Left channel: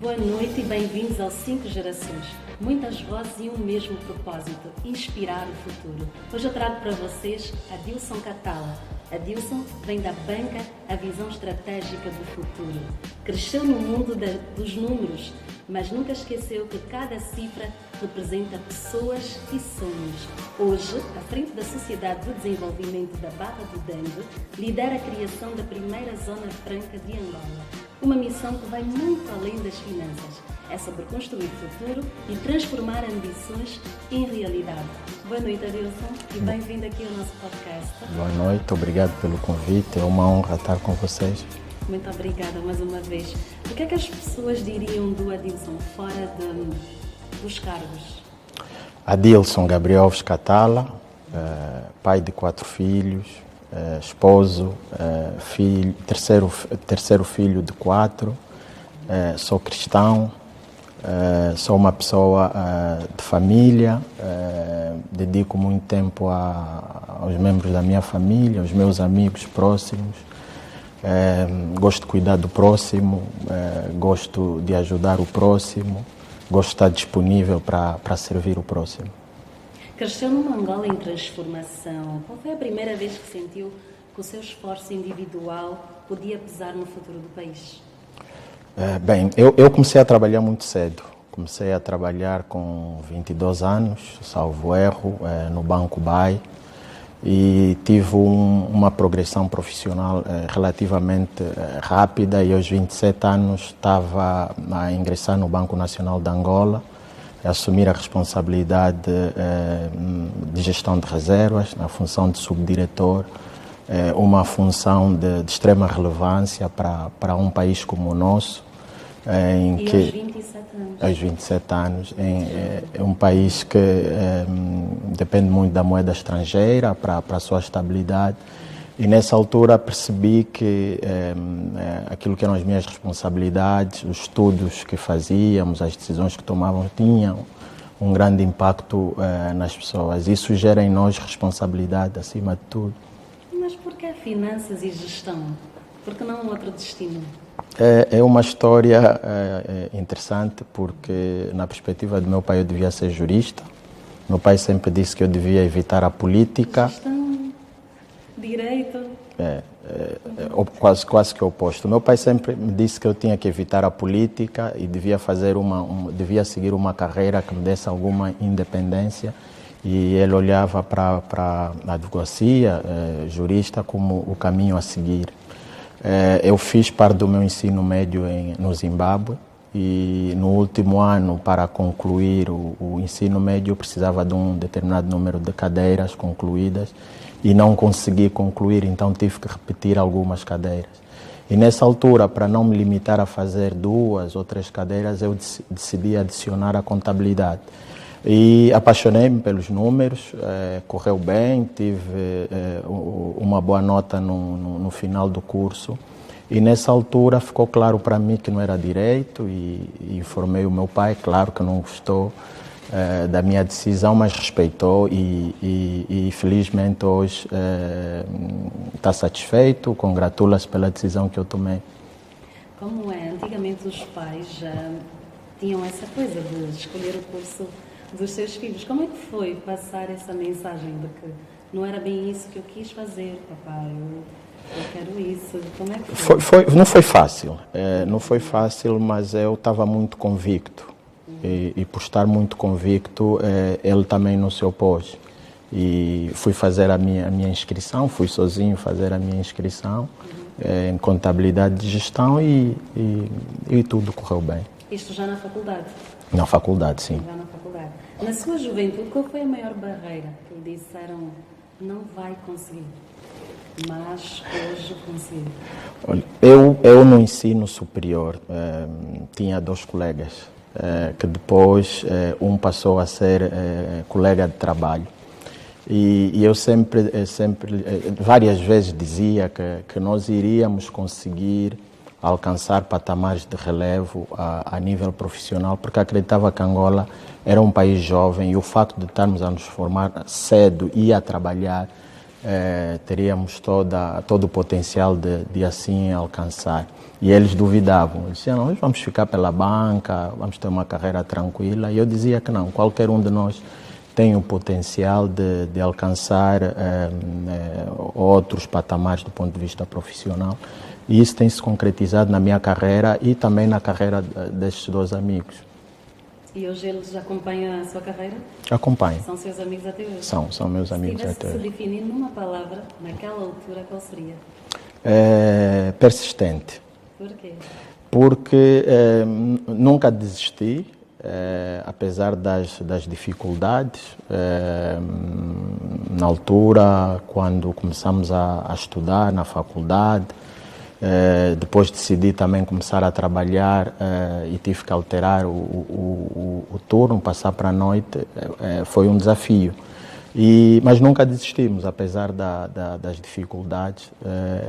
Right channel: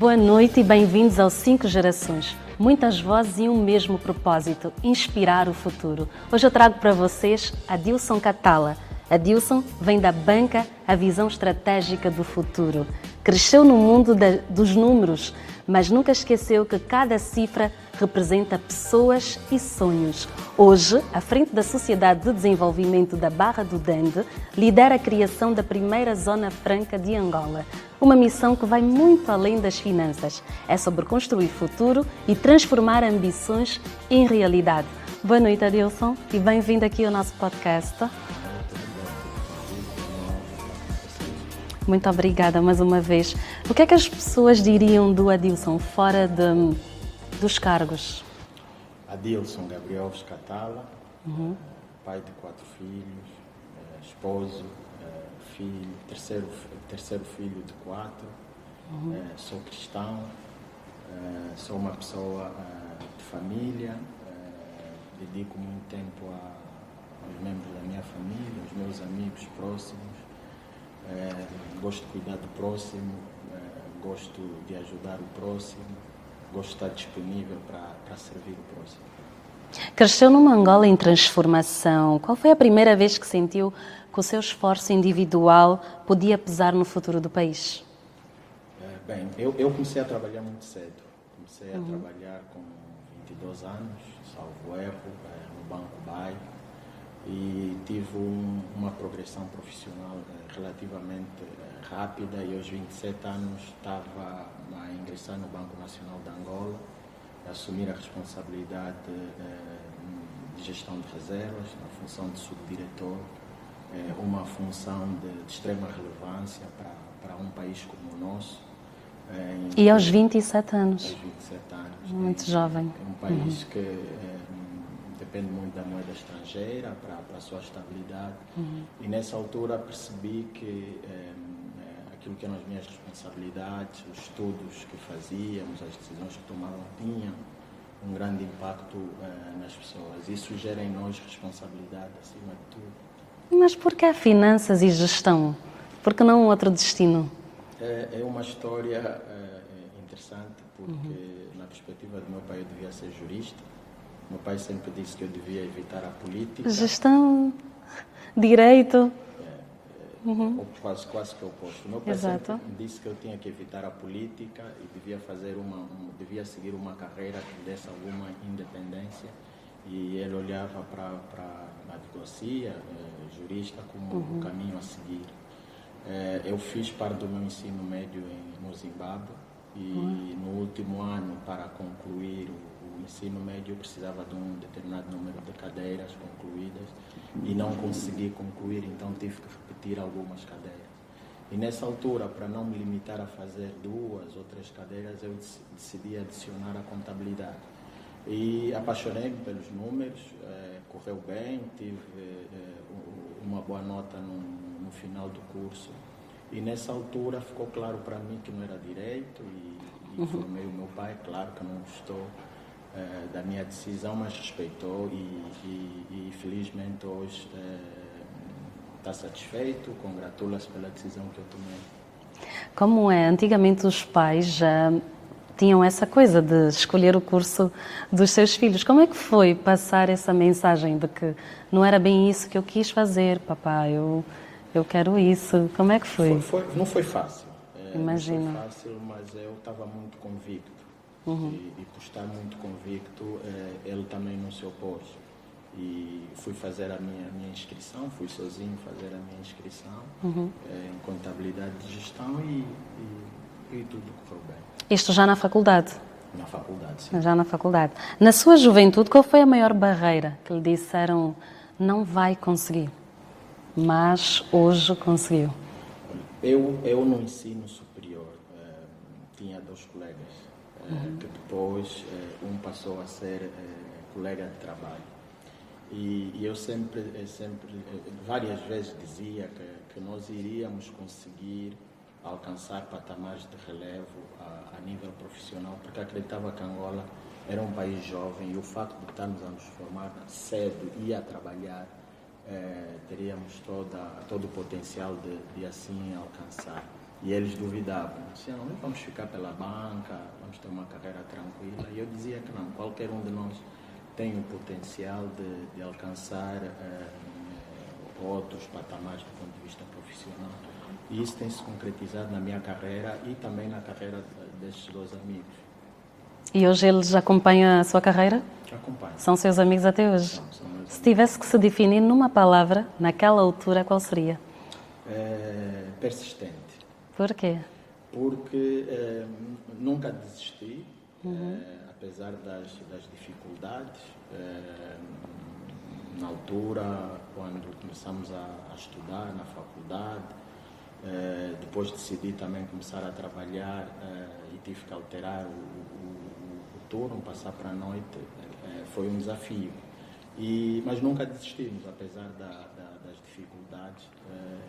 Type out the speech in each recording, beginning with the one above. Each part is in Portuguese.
Boa noite e bem-vindos ao 5 Gerações. Muitas vozes e um mesmo propósito, inspirar o futuro. Hoje eu trago para vocês Adilson Catala. Adilson vem da banca A Visão Estratégica do Futuro. Cresceu no mundo dos números, mas nunca esqueceu que cada cifra representa pessoas e sonhos. Hoje, à frente da Sociedade de Desenvolvimento da Barra do Dengue, lidera a criação da primeira Zona Franca de Angola. Uma missão que vai muito além das finanças. É sobre construir futuro e transformar ambições em realidade. Boa noite, Adilson, e bem-vindo aqui ao nosso podcast. Boa noite, obrigado pelo convite. É uma honra estar com vocês. Muito obrigada mais uma vez. O que é que as pessoas diriam do Adilson fora dos cargos? Adilson Gabriel Catala, pai de 4 filhos, esposo, filho, terceiro filho de 4, sou cristão, sou uma pessoa de família, dedico muito tempo aos membros da minha família, aos meus amigos próximos. Gosto de cuidar do próximo, gosto de ajudar o próximo, gosto de estar disponível para servir o próximo. Cresceu numa Angola em transformação. Qual foi a primeira vez que sentiu que o seu esforço individual podia pesar no futuro do país? Bem, eu comecei a trabalhar muito cedo. Comecei a trabalhar com 22 anos, salvo erro, no Banco BAE. E tive uma progressão profissional relativamente rápida e aos 27 anos estava a ingressar no Banco Nacional de Angola, a assumir a responsabilidade de gestão de reservas, na função de subdiretor, uma função de extrema relevância para um país como o nosso. Aos 27 anos? Aos 27 anos. É um país que depende muito da moeda estrangeira para a sua estabilidade. E nessa altura percebi que aquilo que eram as minhas responsabilidades, os estudos que fazíamos, as decisões que tomávamos, tinham um grande impacto nas pessoas. Isso gera em nós responsabilidade acima de tudo. Mas por que finanças e gestão? Por que não outro destino? É uma história interessante porque, na perspectiva do meu pai, eu devia ser jurista. Meu pai sempre disse que eu devia evitar a política. Gestão, direito. Quase que o oposto. Meu pai sempre me disse que eu tinha que evitar a política e devia devia seguir uma carreira que me desse alguma independência. E ele olhava para a advocacia, jurista, como o caminho a seguir. Eu fiz parte do meu ensino médio no Zimbábue e no último ano, para concluir o ensino médio, eu precisava de um determinado número de cadeiras concluídas e não consegui concluir, então tive que repetir algumas cadeiras. E nessa altura, para não me limitar a fazer 2 ou 3 cadeiras, eu decidi adicionar a contabilidade. E apaixonei-me pelos números, correu bem, tive uma boa nota no final do curso. E nessa altura ficou claro para mim que não era direito e informei o meu pai, claro que não gostou da minha decisão, mas respeitou e felizmente hoje está satisfeito, congratula-se pela decisão que eu tomei. Como é? Antigamente os pais já tinham essa coisa de escolher o curso dos seus filhos. Como é que foi passar essa mensagem de que não era bem isso que eu quis fazer, papai, eu quero isso? Como é que foi? Não foi fácil, não foi fácil, mas eu estava muito convicto. E por estar muito convicto, ele também não se opôs. E fui fazer a minha inscrição, fui sozinho fazer a minha inscrição em contabilidade de gestão e tudo correu bem. Isto já na faculdade? Na faculdade, sim. Já na faculdade. Na sua juventude, qual foi a maior barreira que lhe disseram não vai conseguir, mas hoje conseguiu? Olha, eu no ensino superior tinha 2 colegas, que depois um passou a ser colega de trabalho. E eu sempre várias vezes dizia que nós iríamos conseguir alcançar patamares de relevo a nível profissional, porque acreditava que Angola era um país jovem e o facto de estarmos a nos formar cedo e a trabalhar, teríamos todo o potencial de assim alcançar. E eles duvidavam, eles diziam, nós vamos ficar pela banca, vamos ter uma carreira tranquila. E eu dizia que não, qualquer um de nós tem o potencial de alcançar outros patamares do ponto de vista profissional. E isso tem se concretizado na minha carreira e também na carreira destes dois amigos. E hoje eles acompanham a sua carreira? Acompanho. São seus amigos até hoje? São meus amigos. Se tivesse que até se hoje. definir numa palavra, naquela altura, qual seria? Persistente. Por quê? Porque nunca desisti, apesar das dificuldades. Na altura, quando começamos a estudar na faculdade, depois decidi também começar a trabalhar e tive que alterar o turno, passar para a noite, foi um desafio. Mas nunca desistimos, apesar das dificuldades.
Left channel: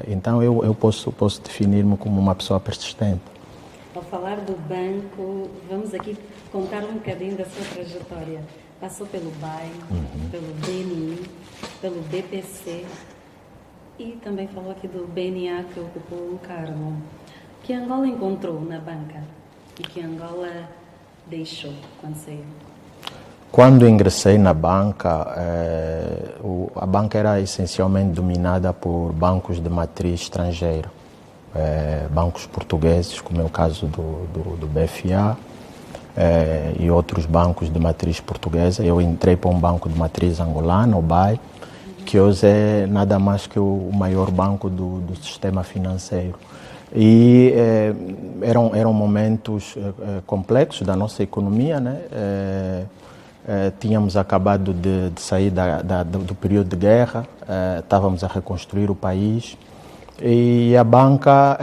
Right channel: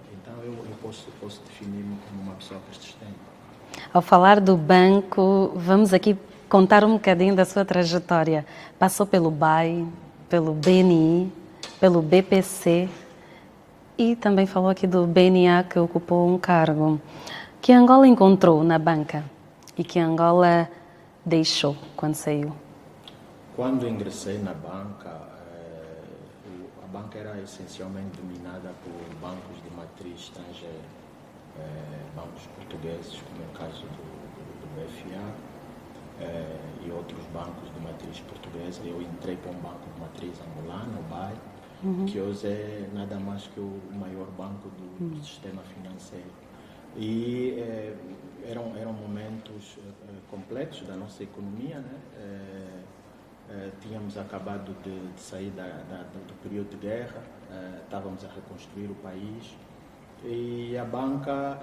Então eu posso definir-me como uma pessoa persistente. Ao falar do banco, vamos aqui contar um bocadinho da sua trajetória. Passou pelo BAE, pelo BNI, pelo BPC e também falou aqui do BNA, que ocupou um cargo. Que Angola encontrou na banca e que Angola deixou quando saiu? Quando ingressei na banca, a banca era essencialmente dominada por bancos de matriz estrangeira. Bancos portugueses, como é o caso do BFA, e outros bancos de matriz portuguesa. Eu entrei para um banco de matriz angolana, o BAE, que hoje é nada mais que o maior banco do sistema financeiro. E eram momentos complexos da nossa economia, né? Tínhamos acabado de sair do período de guerra, estávamos a reconstruir o país e a banca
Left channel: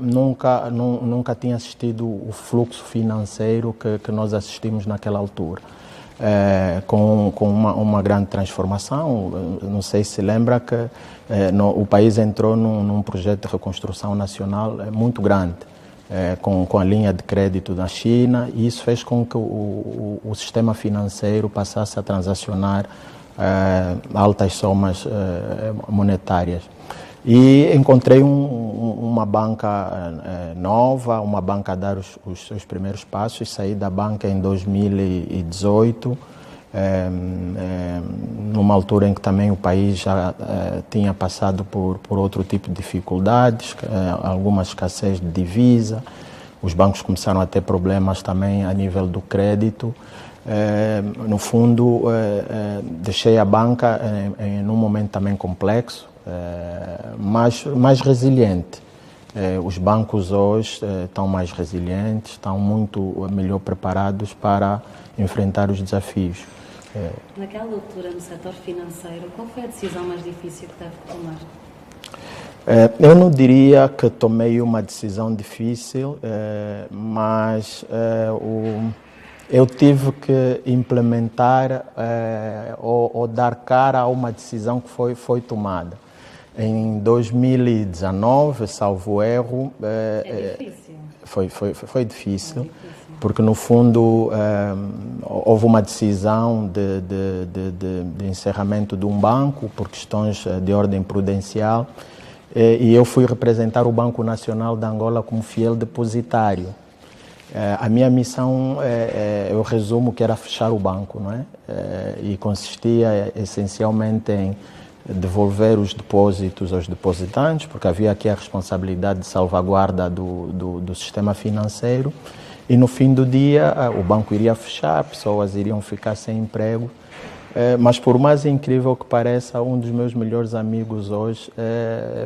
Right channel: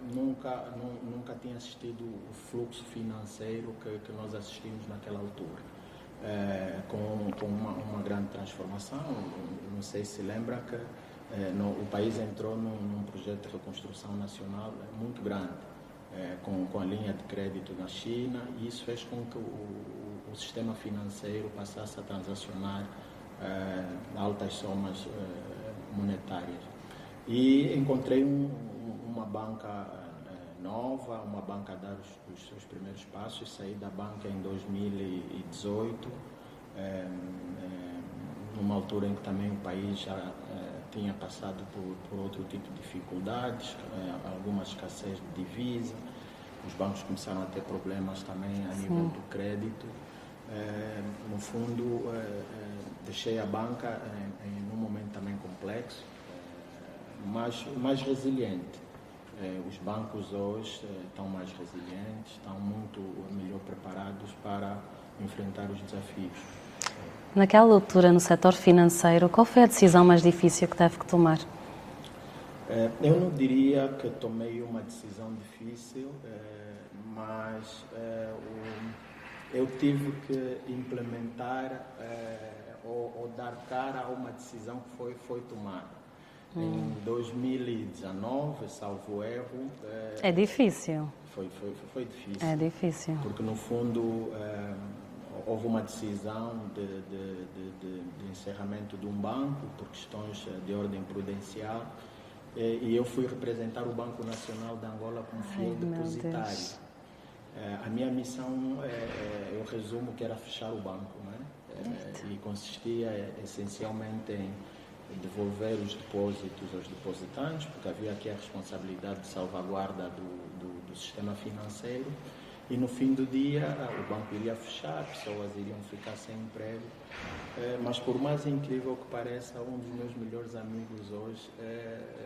nunca tinha assistido o fluxo financeiro que nós assistimos naquela altura. Com uma grande transformação. Não sei se lembra que o país entrou num projeto de reconstrução nacional muito grande, com a linha de crédito da China, e isso fez com que o sistema financeiro passasse a transacionar altas somas monetárias. E encontrei uma banca nova, uma banca a dar os seus primeiros passos. Saí da banca em 2018, numa altura em que também o país já tinha passado por outro tipo de dificuldades, alguma escassez de divisa. Os bancos começaram a ter problemas também a nível do crédito. No fundo, deixei a banca num momento também complexo, mas mais resiliente. Os bancos hoje estão mais resilientes, estão muito melhor preparados para enfrentar os desafios. Naquela altura, no setor financeiro, qual foi a decisão mais difícil que teve que tomar? Eu não diria que tomei uma decisão difícil, mas eu tive que implementar ou dar cara a uma decisão que foi tomada. Em 2019, salvo erro... É difícil. Foi difícil. É difícil. Porque, no fundo, houve uma decisão de encerramento de um banco por questões de ordem prudencial, e eu fui representar o Banco Nacional de Angola como fiel depositário. A minha missão, eu resumo que era fechar o banco, não é? E consistia essencialmente em devolver os depósitos aos depositantes, porque havia aqui a responsabilidade de salvaguarda do sistema financeiro, e no fim do dia o banco iria fechar, pessoas iriam ficar sem emprego. Mas por mais incrível que pareça, um dos meus melhores amigos hoje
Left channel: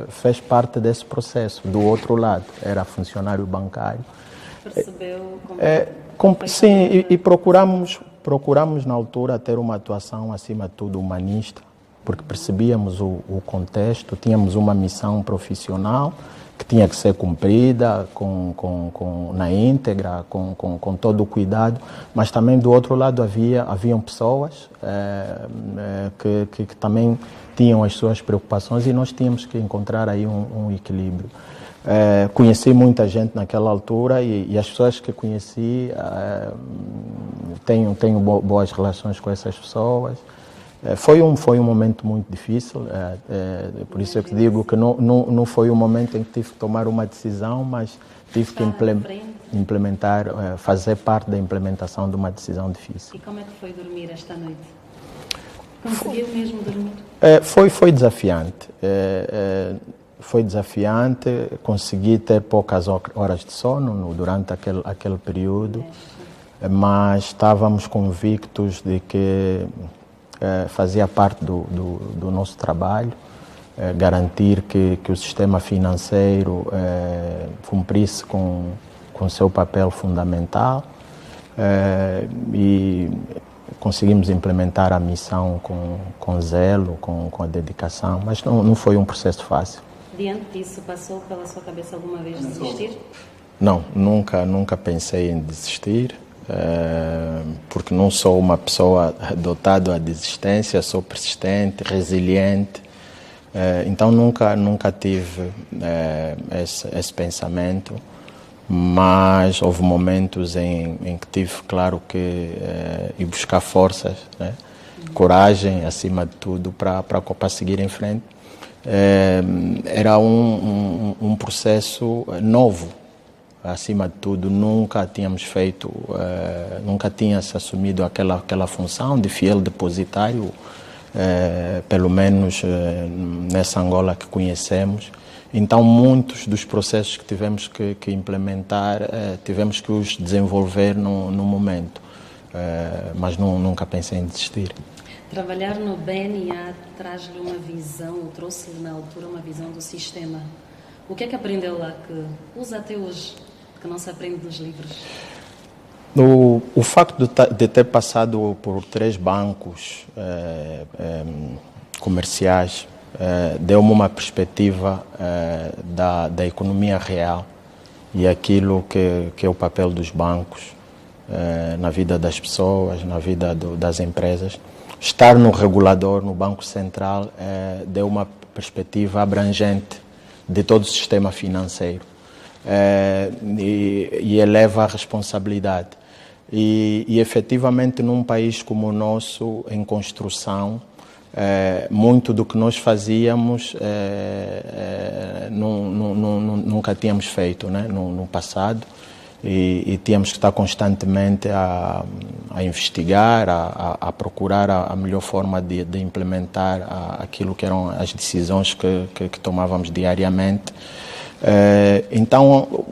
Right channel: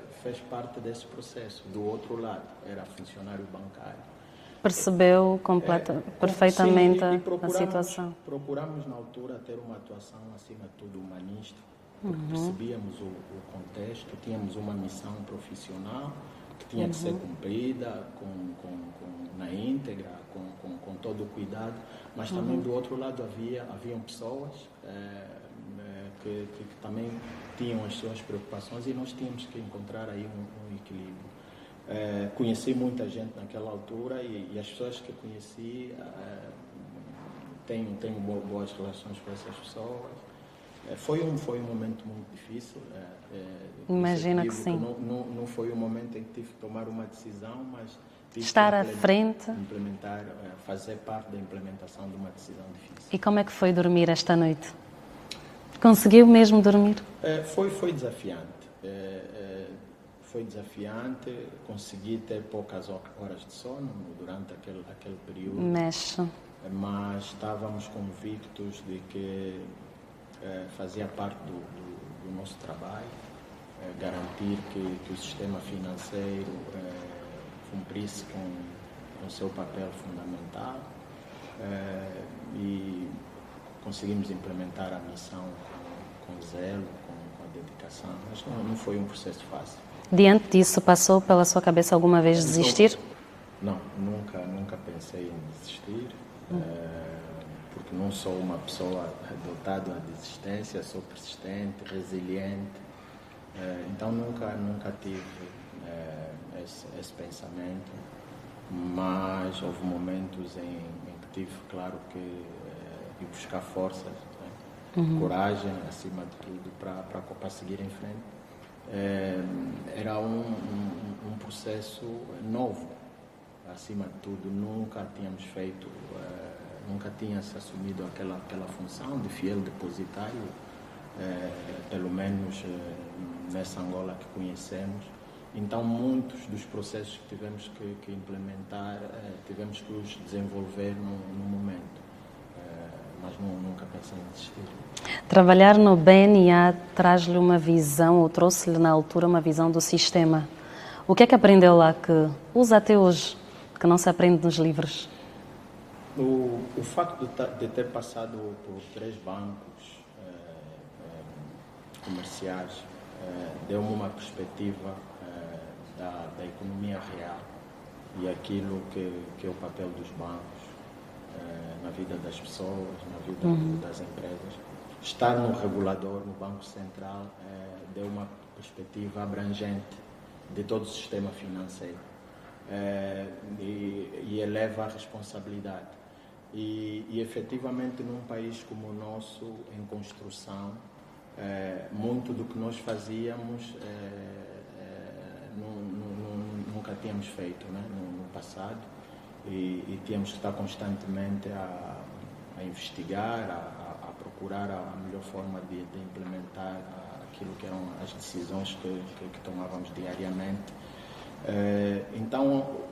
fez parte desse processo, do outro lado, era funcionário bancário. Percebeu perfeitamente sim, e procuramos na altura ter uma atuação acima de tudo humanista, porque percebíamos o contexto, tínhamos uma missão profissional que tinha que ser cumprida na íntegra, com todo o cuidado, mas também do outro lado haviam pessoas que também tinham as suas preocupações, e nós tínhamos que encontrar aí um equilíbrio. Conheci muita gente naquela altura, e as pessoas que conheci, tenho boas relações com essas pessoas. Foi um momento muito difícil, por isso eu te digo que não foi um momento em que tive que tomar uma decisão, mas tive que implementar, fazer parte da implementação de uma decisão difícil. E como é que foi dormir esta noite? Conseguiu mesmo dormir? Foi desafiante. Foi desafiante, consegui ter poucas horas de sono durante aquele período, mas estávamos convictos de que fazia parte do nosso trabalho, garantir que o sistema financeiro cumprisse com o seu papel fundamental e conseguimos implementar a missão com zelo, com a dedicação, mas não foi um processo fácil. Diante disso, passou pela sua cabeça alguma vez desistir? Não, nunca pensei em desistir, porque não sou uma pessoa dotada à desistência, sou persistente, resiliente, então nunca tive esse pensamento, mas houve momentos em que tive, claro, que ir buscar forças, né? Coragem, acima de tudo, para seguir em frente. Era um processo novo, acima de tudo, nunca tínhamos feito, nunca tinha-se assumido aquela função de fiel depositário, pelo menos nessa Angola que conhecemos. Então, muitos dos processos que tivemos que implementar, tivemos que os desenvolver no momento, mas nunca pensei em desistir. Trabalhar no BNA traz-lhe uma visão, ou trouxe-lhe na altura uma visão do sistema. O que é que aprendeu lá que usa até hoje, que não se aprende nos livros? O facto de ter passado por 3 bancos comerciais deu-me uma perspectiva da economia real e aquilo que é o papel dos bancos na vida das pessoas, na vida das empresas. Estar no regulador, no Banco Central, deu uma perspectiva abrangente de todo o sistema financeiro e eleva a responsabilidade. E efetivamente, num país como o nosso, em construção, muito do que nós fazíamos nunca tínhamos feito, né, no passado. E tínhamos que estar constantemente a investigar, a procurar a melhor forma de implementar aquilo que eram as decisões que tomávamos diariamente. Então,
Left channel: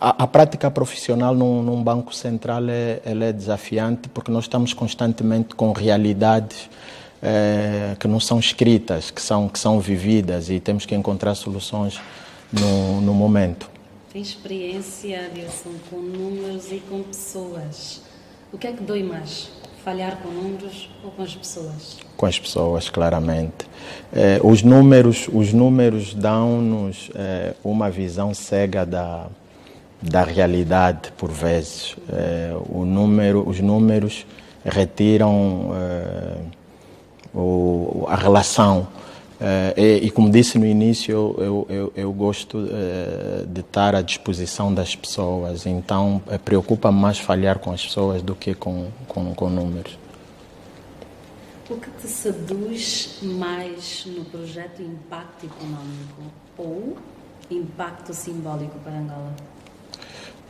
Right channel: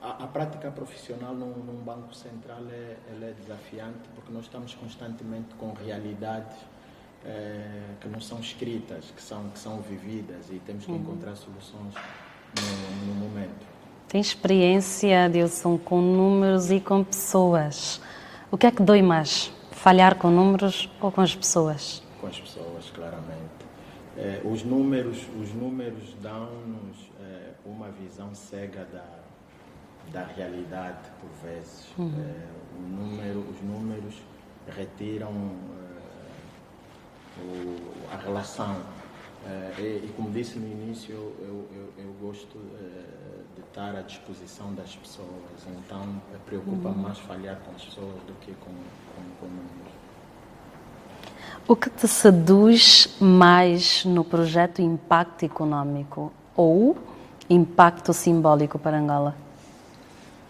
a prática profissional num banco central ela é desafiante porque nós estamos constantemente com realidades que não são escritas, que são vividas e temos que encontrar soluções no momento. Tem experiência, Adilson, com números e com pessoas. O que é que dói mais? Falhar com números ou com as pessoas? Com as pessoas, claramente. Os números dão-nos uma visão cega da realidade, por vezes. Os números retiram a relação. E como disse no início, eu gosto de estar à disposição das pessoas, então preocupa-me mais falhar com as pessoas do que com números. O que te seduz mais no projeto Impacto Econômico ou Impacto Simbólico para Angola?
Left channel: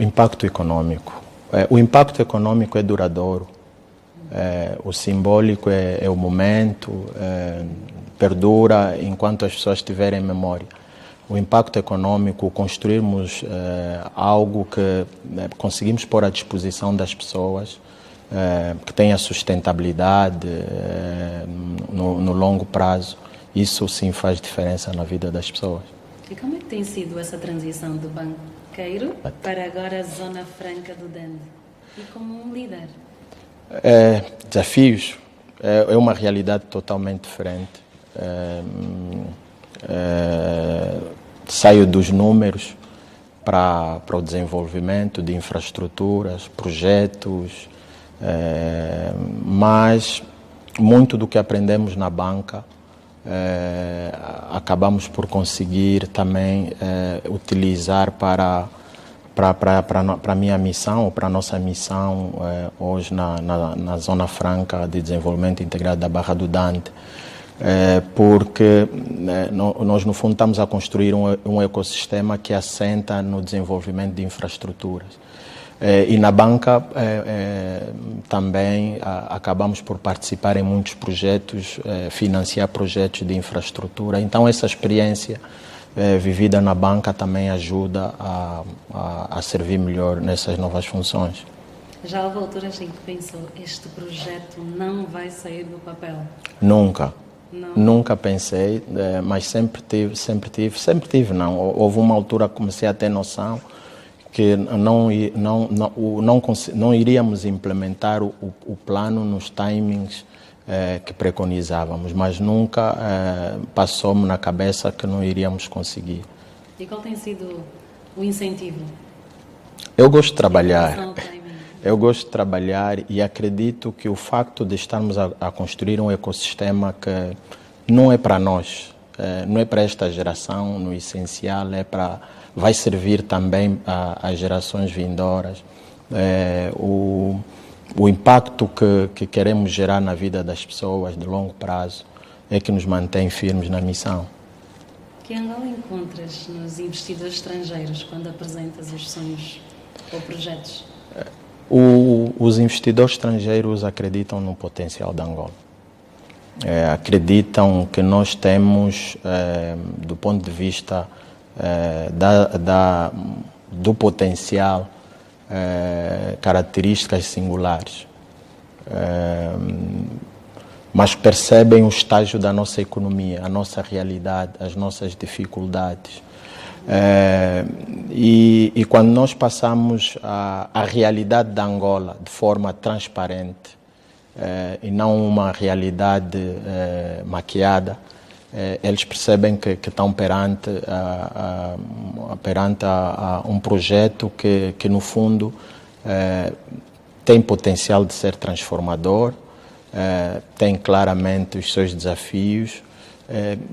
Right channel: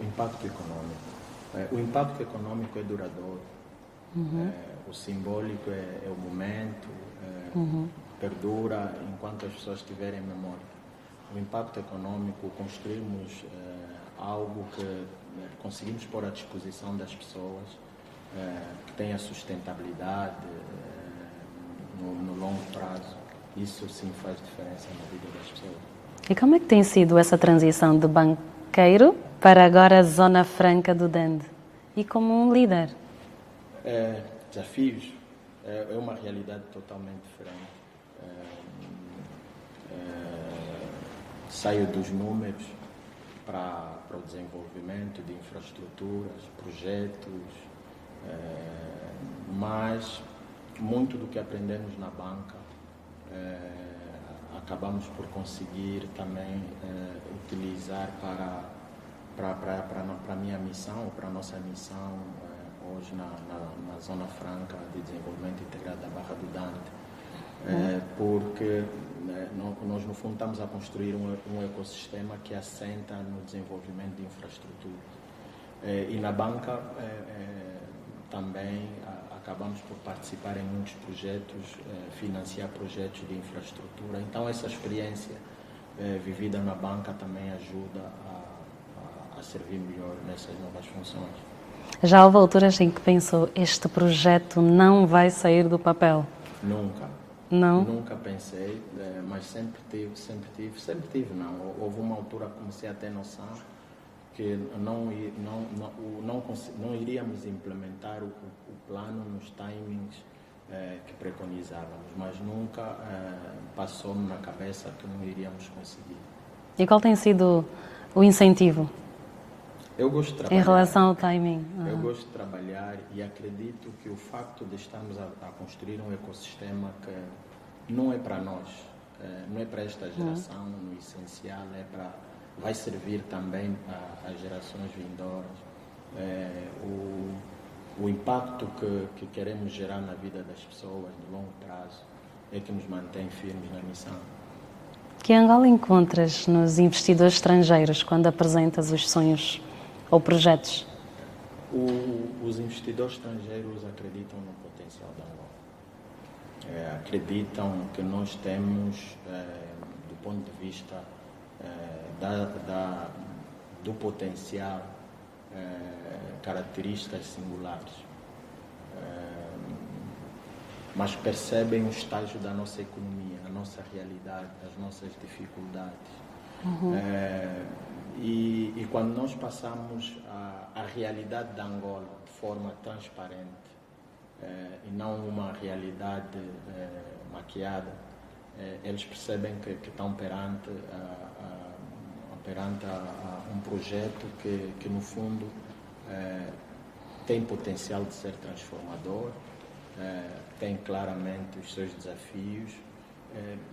O impacto econômico. O impacto econômico é duradouro. O simbólico é o momento, perdura enquanto as pessoas tiverem memória. O impacto econômico, construirmos algo que conseguimos pôr à disposição das pessoas, que tenha sustentabilidade no longo prazo, isso sim faz diferença na vida das pessoas. E como é que tem sido essa transição de banqueiro para agora a Zona Franca do Dende? E como um líder? Desafios. É uma realidade totalmente diferente. Saio dos números para o desenvolvimento de infraestruturas, projetos, mas muito do que aprendemos na banca acabamos por conseguir também utilizar para para a minha missão, ou para a nossa missão hoje na Zona Franca de Desenvolvimento Integrado da Barra do Dante, porque nós, no fundo, estamos a construir um ecossistema que assenta no desenvolvimento de infraestruturas. E na banca também acabamos por participar em muitos projetos, financiar projetos de infraestrutura. Então, essa experiência vivida na banca também ajuda a servir melhor nessas novas funções. Já houve alturas em que pensou, este projeto não vai sair do papel? Nunca. Não? Nunca pensei, mas sempre tive não. Houve uma altura que comecei a ter noção que não iríamos implementar o plano nos timings que preconizávamos, mas nunca passou-me na cabeça que não iríamos conseguir. E qual tem sido o incentivo? Eu gosto de trabalhar. Em relação ao timing? Eu gosto de trabalhar e acredito que o facto de estarmos a construir um ecossistema que não é para nós, não é para esta geração, no essencial, vai servir também às gerações vindouras. O impacto que queremos gerar na vida das pessoas de longo prazo é que nos mantém firmes na missão. Que Angola encontras nos investidores estrangeiros quando apresentas os sonhos ou projetos? Os investidores estrangeiros acreditam no potencial da Angola. Acreditam que nós temos, do ponto de vista do potencial, características singulares, mas percebem o estágio da nossa economia, a nossa realidade, as nossas dificuldades. E quando nós passamos a realidade da Angola de forma transparente e não uma realidade maquiada, eles percebem que estão perante um projeto que no fundo, tem potencial de ser transformador, tem claramente os seus desafios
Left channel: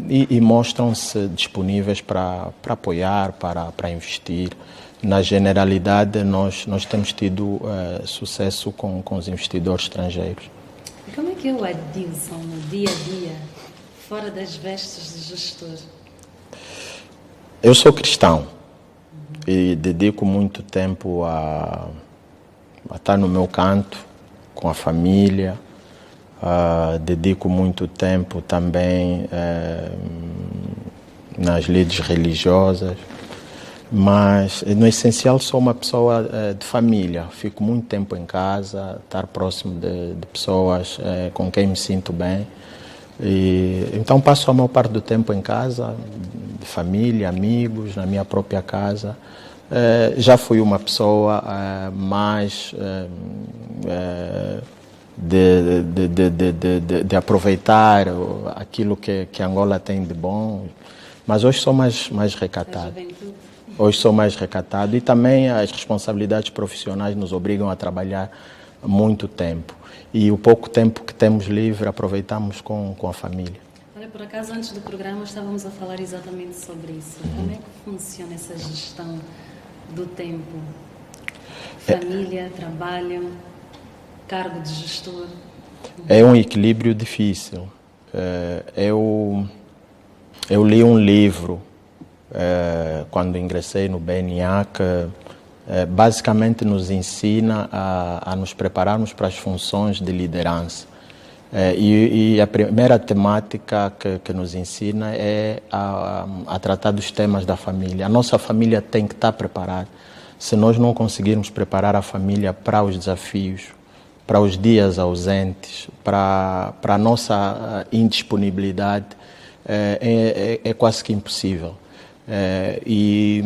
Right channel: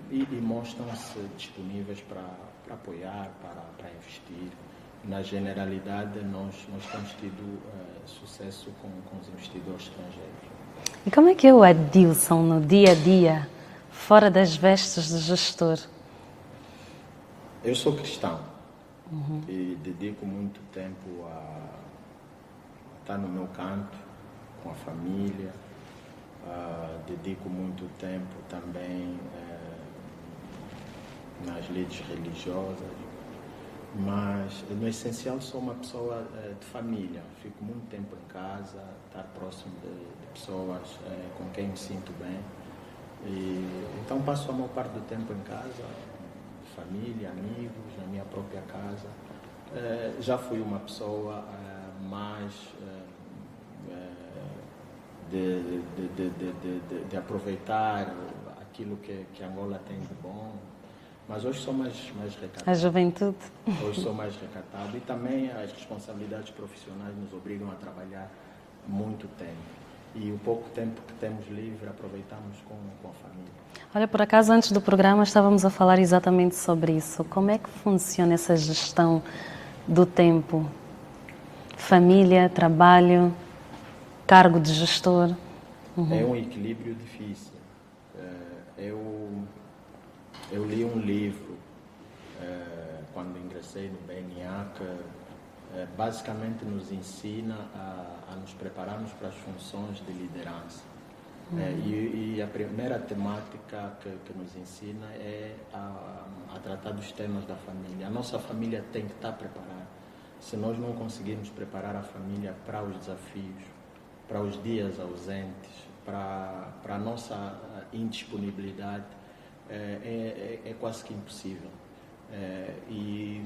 e mostram-se disponíveis para apoiar, para investir. Na generalidade, nós temos tido sucesso com os investidores estrangeiros. E como é que é o Adilson no dia a dia, fora das vestes de gestor? Eu sou cristão e dedico muito tempo a estar no meu canto, com a família. Dedico muito tempo também nas lides religiosas, mas no essencial sou uma pessoa de família. Fico muito tempo em casa, estar próximo de pessoas com quem me sinto bem. Então passo a maior parte do tempo em casa, de família, amigos, na minha própria casa. Já fui uma pessoa mais de aproveitar aquilo que Angola tem de bom, mas hoje sou mais recatado. A juventude. Hoje sou mais recatado e também as responsabilidades profissionais nos obrigam a trabalhar muito tempo. E o pouco tempo que temos livre aproveitamos com a família. Olha, por acaso, antes do programa estávamos a falar exatamente sobre isso. Como é que funciona essa gestão do tempo? Família, trabalho, cargo de gestor? É um equilíbrio difícil. Eu li um livro quando ingressei no BNA que basicamente nos ensina a nos prepararmos para as funções de liderança. E a primeira temática que nos ensina é a tratar dos temas da família. A nossa família tem que estar preparada. Se nós não conseguirmos preparar a família para os desafios, para os dias ausentes, para a nossa indisponibilidade, é quase que impossível. E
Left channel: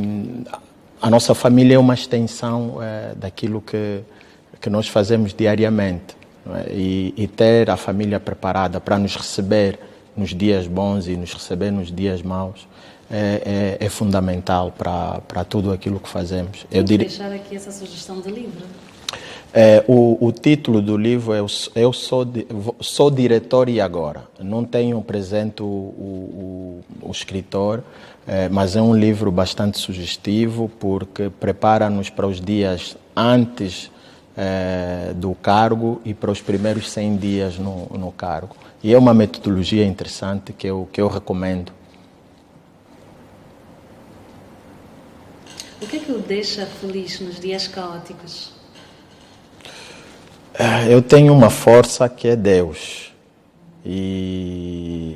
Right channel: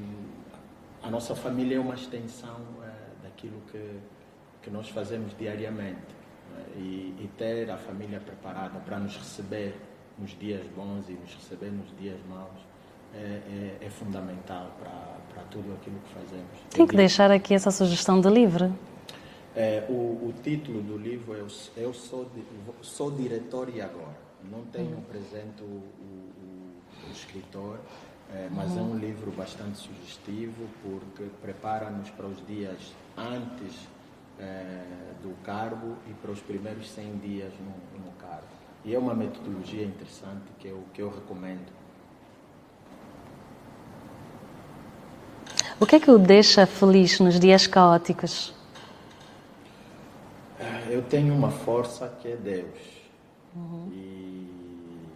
a nossa família é uma extensão daquilo que nós fazemos diariamente. E ter a família preparada para nos receber nos dias bons e nos receber nos dias maus é fundamental para tudo aquilo que fazemos. Tem que deixar aqui essa sugestão de livro. O título do livro é Eu sou diretor e agora. Não tenho presente o escritor, mas é um livro bastante sugestivo porque prepara-nos para os dias antes do cargo e para os primeiros 100 dias no cargo. E é uma metodologia interessante que eu recomendo. O que é que o deixa feliz nos dias caóticos? Eu tenho uma força que é Deus. E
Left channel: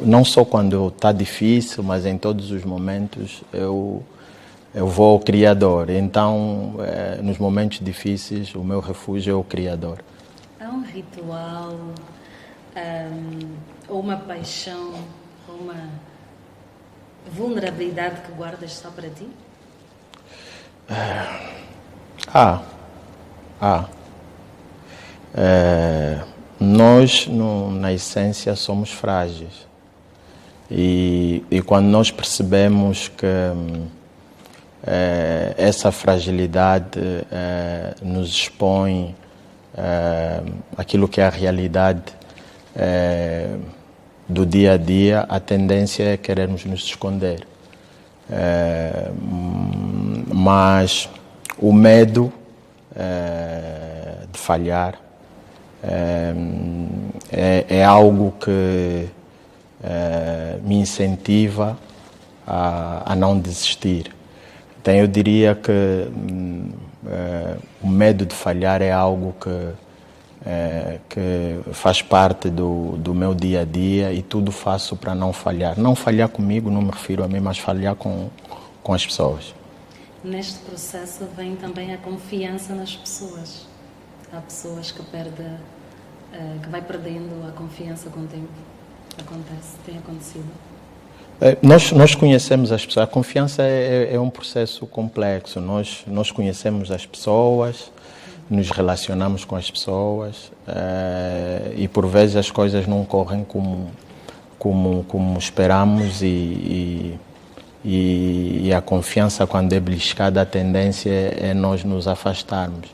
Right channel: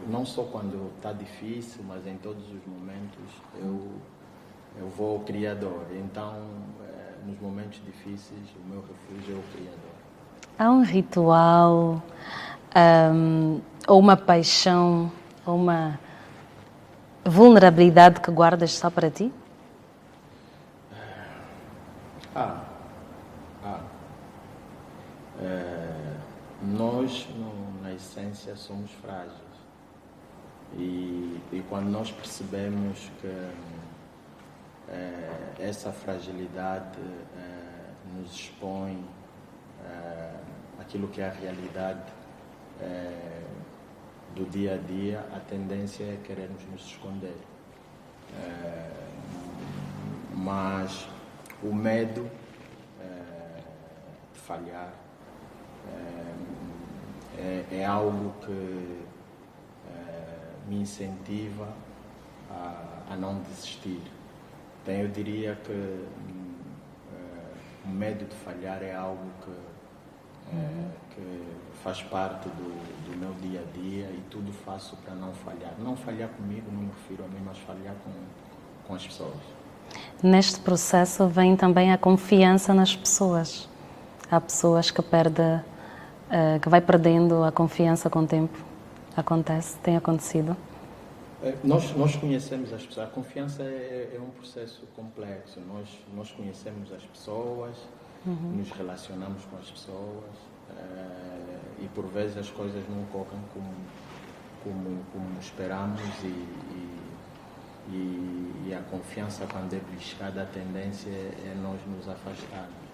não só quando está difícil, mas em todos os momentos eu vou ao Criador. Então, nos momentos difíceis, o meu refúgio é o Criador. Há um ritual, ou uma paixão, ou uma vulnerabilidade que guardas só para ti? Nós, na essência, somos frágeis. E quando nós percebemos que essa fragilidade nos expõe aquilo que é a realidade do dia a dia, a tendência é querermos nos esconder. Mas o medo de falhar é algo que me incentiva a não desistir. Então eu diria que o medo de falhar é algo que faz parte do meu dia a dia e tudo faço para não falhar. Não falhar comigo, não me refiro a mim, mas falhar com as pessoas. Neste processo vem também a confiança nas pessoas. Há pessoas que vai perdendo a confiança com o tempo. Acontece, tem acontecido. Nós conhecemos as pessoas. A confiança é um processo complexo. Nós conhecemos as pessoas, nos relacionamos com as pessoas e por vezes as coisas não correm como esperamos e a confiança, quando é beliscada, a tendência é nós nos afastarmos.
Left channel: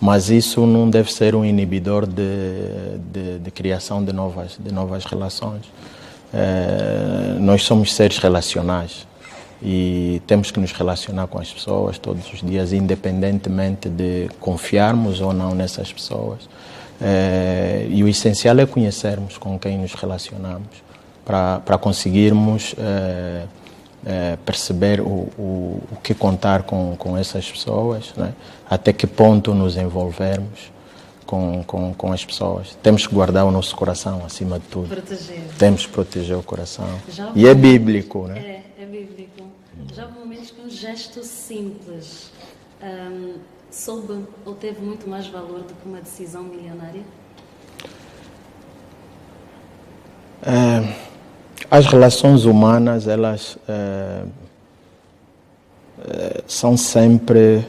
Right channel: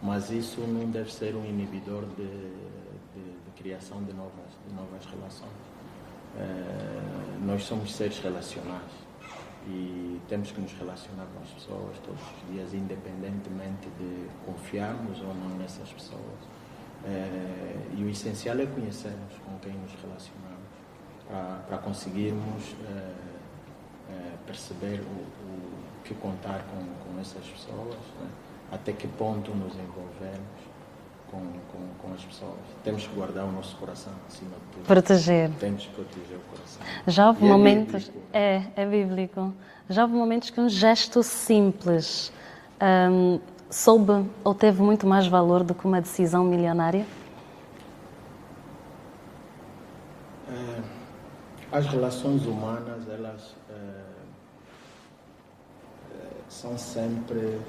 Mas isso não deve ser um inibidor de criação de novas relações. Nós somos seres relacionais e temos que nos relacionar com as pessoas todos os dias, independentemente de confiarmos ou não nessas pessoas. E o essencial é conhecermos com quem nos relacionamos para conseguirmos perceber o que contar com essas pessoas, né? Até que ponto nos envolvermos com as pessoas. Temos que guardar o nosso coração, acima de tudo. Proteger. Temos que proteger o coração. E é bíblico, né? É bíblico. Já houve momentos que um gesto simples soube ou teve muito mais valor do que uma decisão milionária? As relações humanas, elas são sempre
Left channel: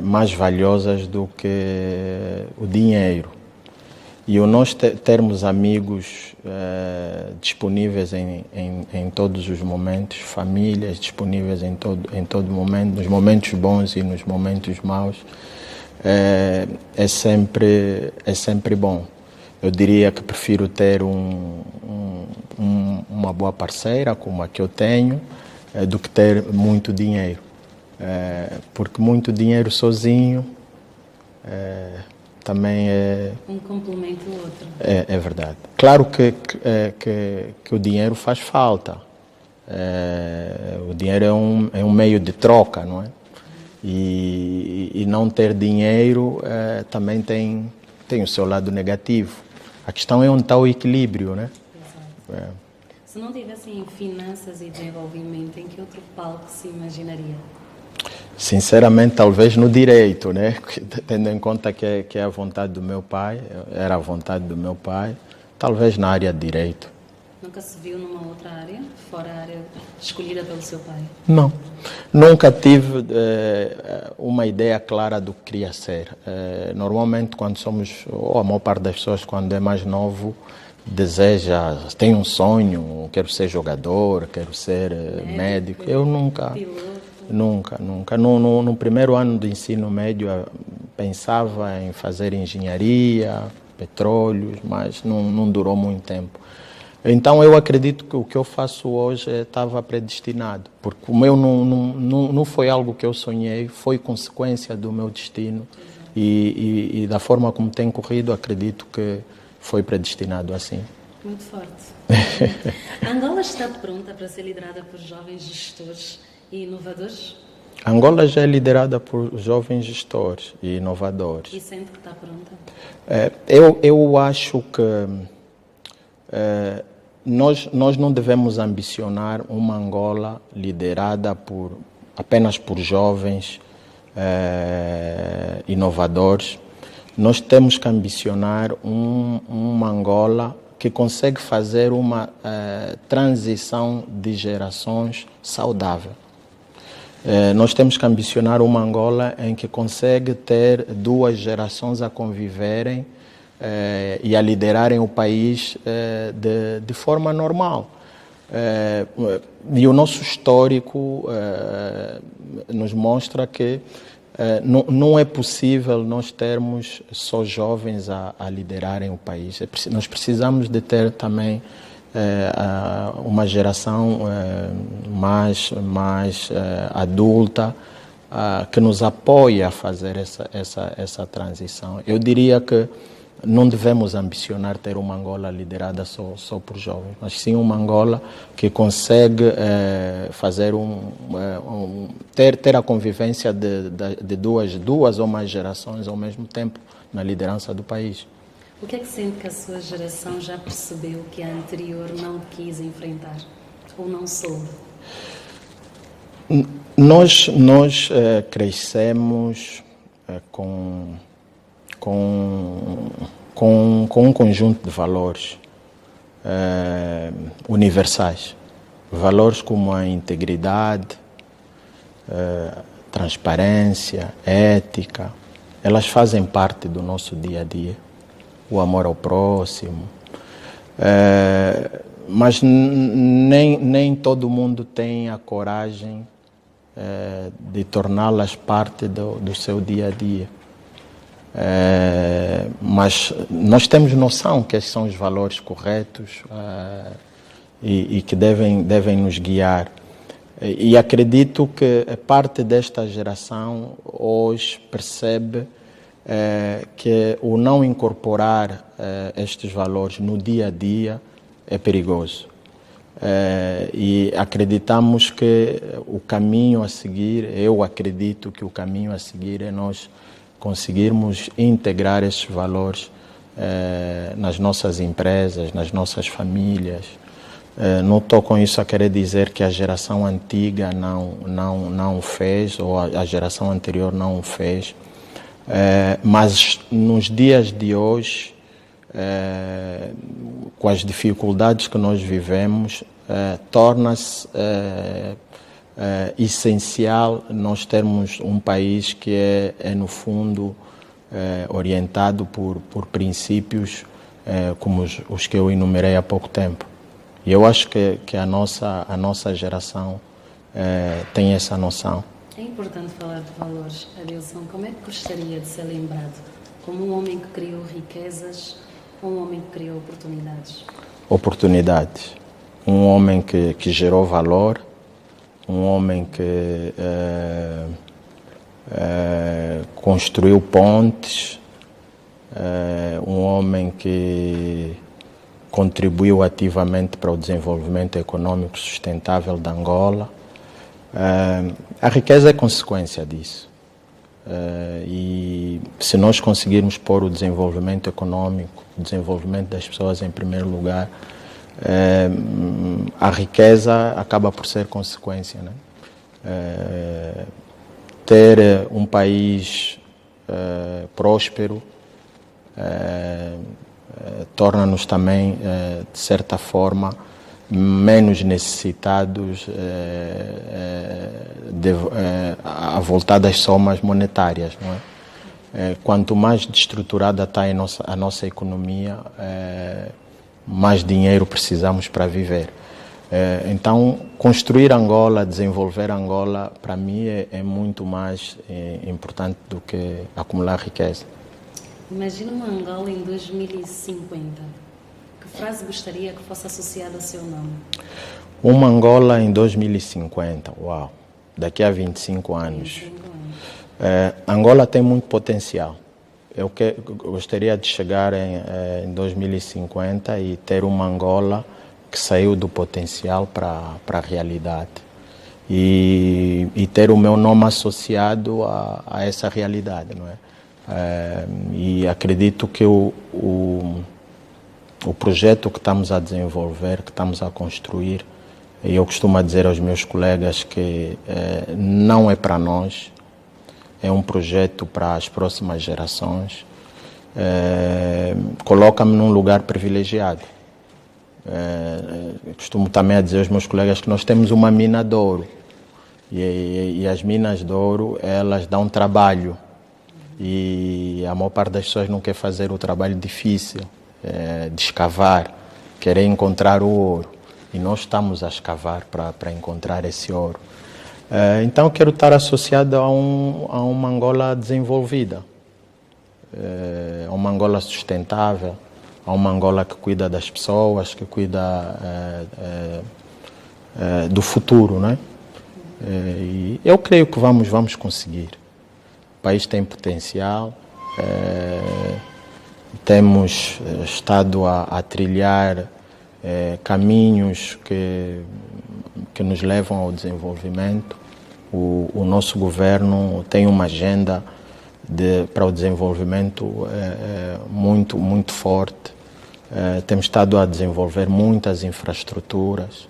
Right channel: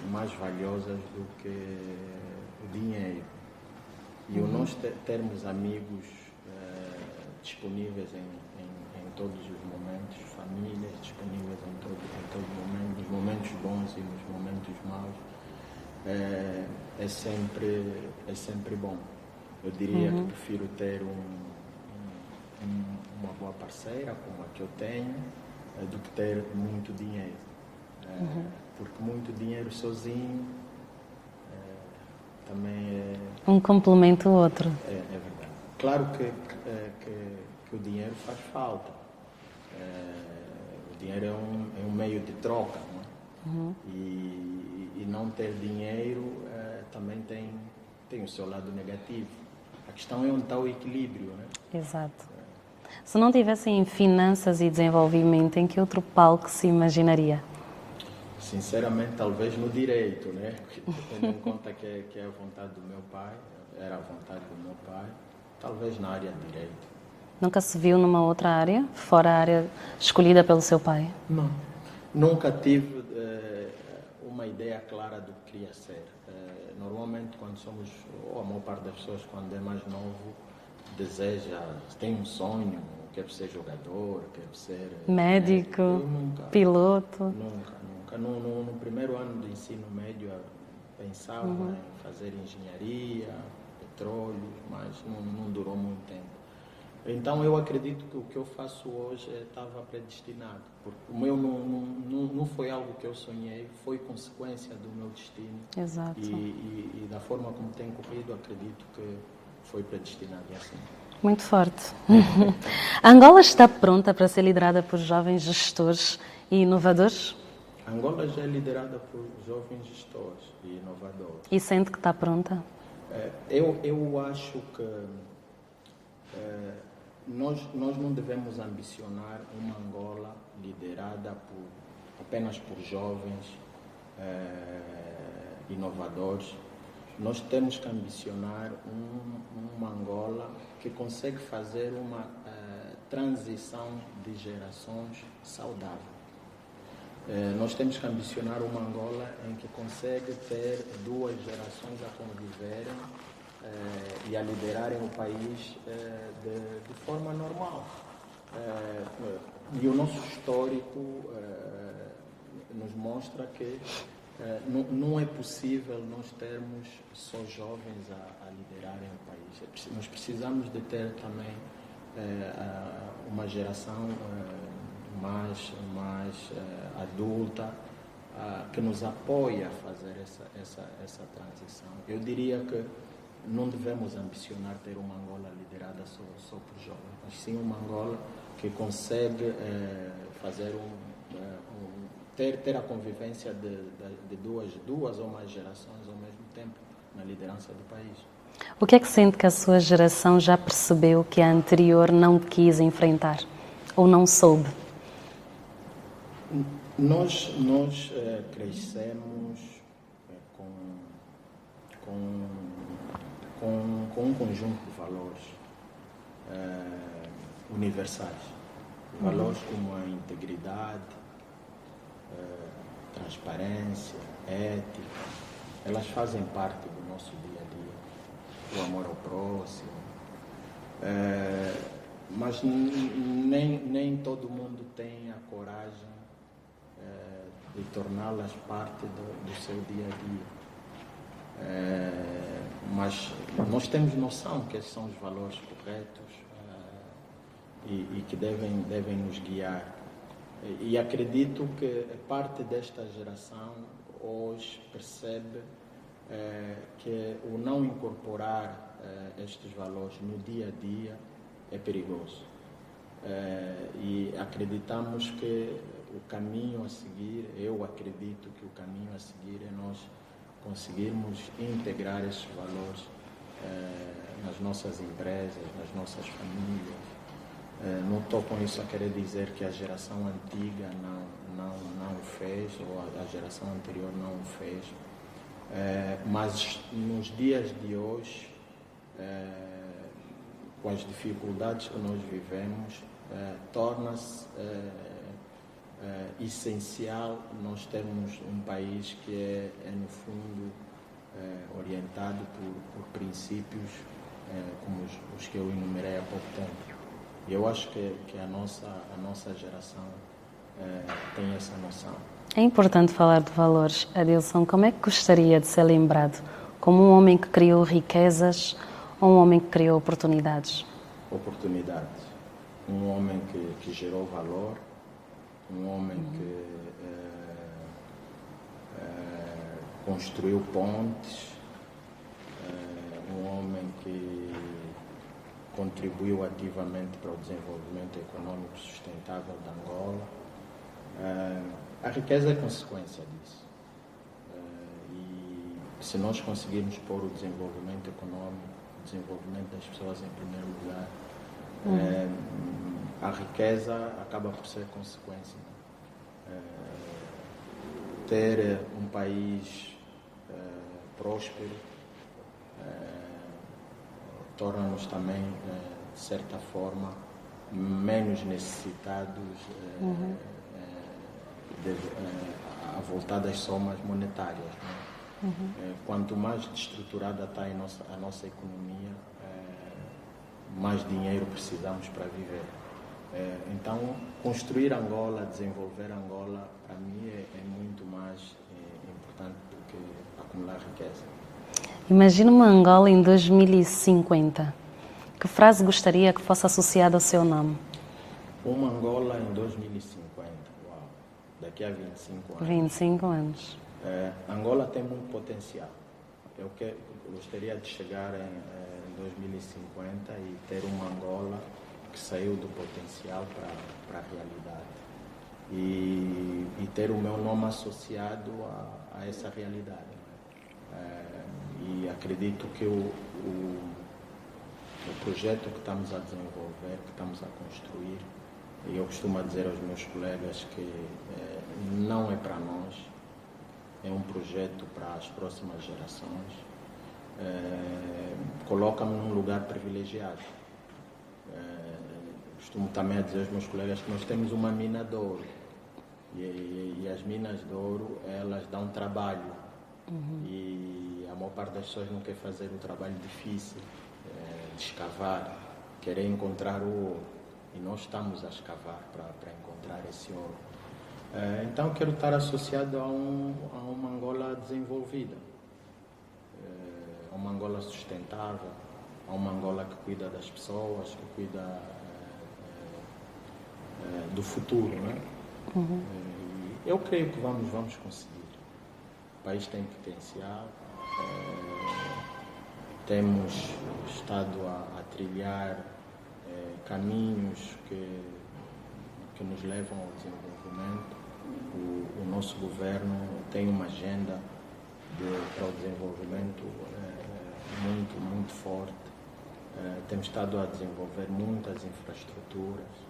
mais valiosas do que o dinheiro. E o nós termos amigos disponíveis em todos os momentos, famílias disponíveis em todo momento, nos momentos bons e nos momentos maus, é sempre bom. Eu diria que prefiro ter uma boa parceira, como a que eu tenho, do que ter muito dinheiro. Porque muito dinheiro sozinho também é... Um complementa o outro. É verdade. Claro que o dinheiro faz falta. O dinheiro é um meio de troca, não é? E não ter dinheiro também tem o seu lado negativo. A questão é onde está o equilíbrio, né? Exato. Se não tivessem finanças e desenvolvimento, em que outro palco se imaginaria? Sinceramente, talvez no direito, né? Tendo em conta que é a vontade do meu pai, era a vontade do meu pai, talvez na área de direito. Nunca se viu numa outra área, fora a área escolhida pelo seu pai? Não. Nunca tive uma ideia clara do que queria ser. Normalmente, quando somos, ou a maior parte das pessoas, quando é mais novo, deseja, tem um sonho, quero ser jogador, quero ser médico. Eu nunca. Piloto? Nunca. No primeiro ano do ensino médio pensava em fazer engenharia, petróleos, mas não durou muito tempo. Então eu acredito que o que eu faço hoje estava predestinado, porque o meu não foi algo que eu sonhei, foi consequência do meu destino. Exato. E da forma como tem corrido, acredito que foi predestinado assim. Muito forte. A Angola está pronta para ser liderada por jovens gestores e inovadores? A Angola já é liderada por jovens gestores e inovadores. E sente que está pronta? Eu acho que nós não devemos ambicionar uma Angola liderada apenas por jovens inovadores. Nós temos que ambicionar uma Angola que consegue fazer uma transição de gerações saudável. Nós temos que ambicionar uma Angola em que consegue ter duas gerações a conviverem e a liderarem o país de forma normal. E o nosso histórico nos mostra que não é possível nós termos só jovens a liderarem o país. Nós precisamos de ter também uma geração mais adulta que nos apoie a fazer essa transição. Eu diria que não devemos ambicionar ter uma Angola liderada só por jovens, mas sim uma Angola que consegue fazer ter a convivência de duas ou mais gerações ao mesmo tempo na liderança do país. O que é que sente que a sua geração já percebeu que a anterior não quis enfrentar ou não soube? Nós crescemos com um conjunto de valores universais. Valores como a integridade, transparência, ética, elas fazem parte do nosso dia a dia. O amor ao próximo. Mas nem todo mundo tem a coragem de torná-las parte do seu dia a dia. Mas nós temos noção que esses são os valores corretos e que devem nos guiar. E acredito que parte desta geração hoje percebe que o não incorporar estes valores no dia a dia é perigoso. E acreditamos que o caminho a seguir, eu acredito que o caminho a seguir é nós conseguirmos integrar estes valores nas nossas empresas, nas nossas famílias. Não estou com isso a querer dizer que a geração antiga não o fez ou a geração anterior não o fez. Mas nos dias de hoje, com as dificuldades que nós vivemos, torna-se essencial nós termos um país que é no fundo, orientado por princípios como os que eu enumerei há pouco tempo. E eu acho que a nossa geração tem essa noção. É importante falar de valores. Adilson, como é que gostaria de ser lembrado? Como um homem que criou riquezas ou um homem que criou oportunidades? Oportunidades. Um homem que gerou valor, um homem que construiu pontes, um homem que contribuiu ativamente para o desenvolvimento econômico sustentável da Angola. A riqueza é consequência disso. E se nós conseguirmos pôr o desenvolvimento econômico, o desenvolvimento das pessoas em primeiro lugar, a riqueza acaba por ser consequência, né? Ter um país próspero torna-nos também, de certa forma, menos necessitados a voltar das somas monetárias, não é? Quanto mais destruturada está a nossa economia, mais dinheiro precisamos para viver. Então, construir Angola, desenvolver Angola, para mim é muito mais importante do que acumular riqueza. Imagina uma Angola em 2050. Que frase gostaria que fosse associada ao seu nome? Uma Angola em 2050, uau, daqui a 25 anos. 25 anos. Angola tem muito potencial. Eu gostaria de chegar em 2050 e ter uma Angola que saiu do potencial para a realidade. E ter o meu nome associado a essa realidade, não é? E acredito que o projeto que estamos a desenvolver, que estamos a construir, e eu costumo dizer aos meus colegas que não é para nós, é um projeto para as próximas gerações, coloca-me num lugar privilegiado. Costumo também a dizer aos meus colegas que nós temos uma mina de ouro, e as minas de ouro, elas dão trabalho, e a maior parte das pessoas não quer fazer o trabalho difícil, de escavar, querer encontrar o ouro, e nós estamos a escavar para encontrar esse ouro. Então eu quero estar associado a uma Angola desenvolvida, a uma Angola sustentável, a uma Angola que cuida das pessoas, que cuida do futuro, né? E eu creio que vamos conseguir. O país tem potencial, temos estado a trilhar caminhos que nos levam ao desenvolvimento. O nosso governo tem uma agenda para o desenvolvimento muito, muito forte. Temos estado a desenvolver muitas infraestruturas,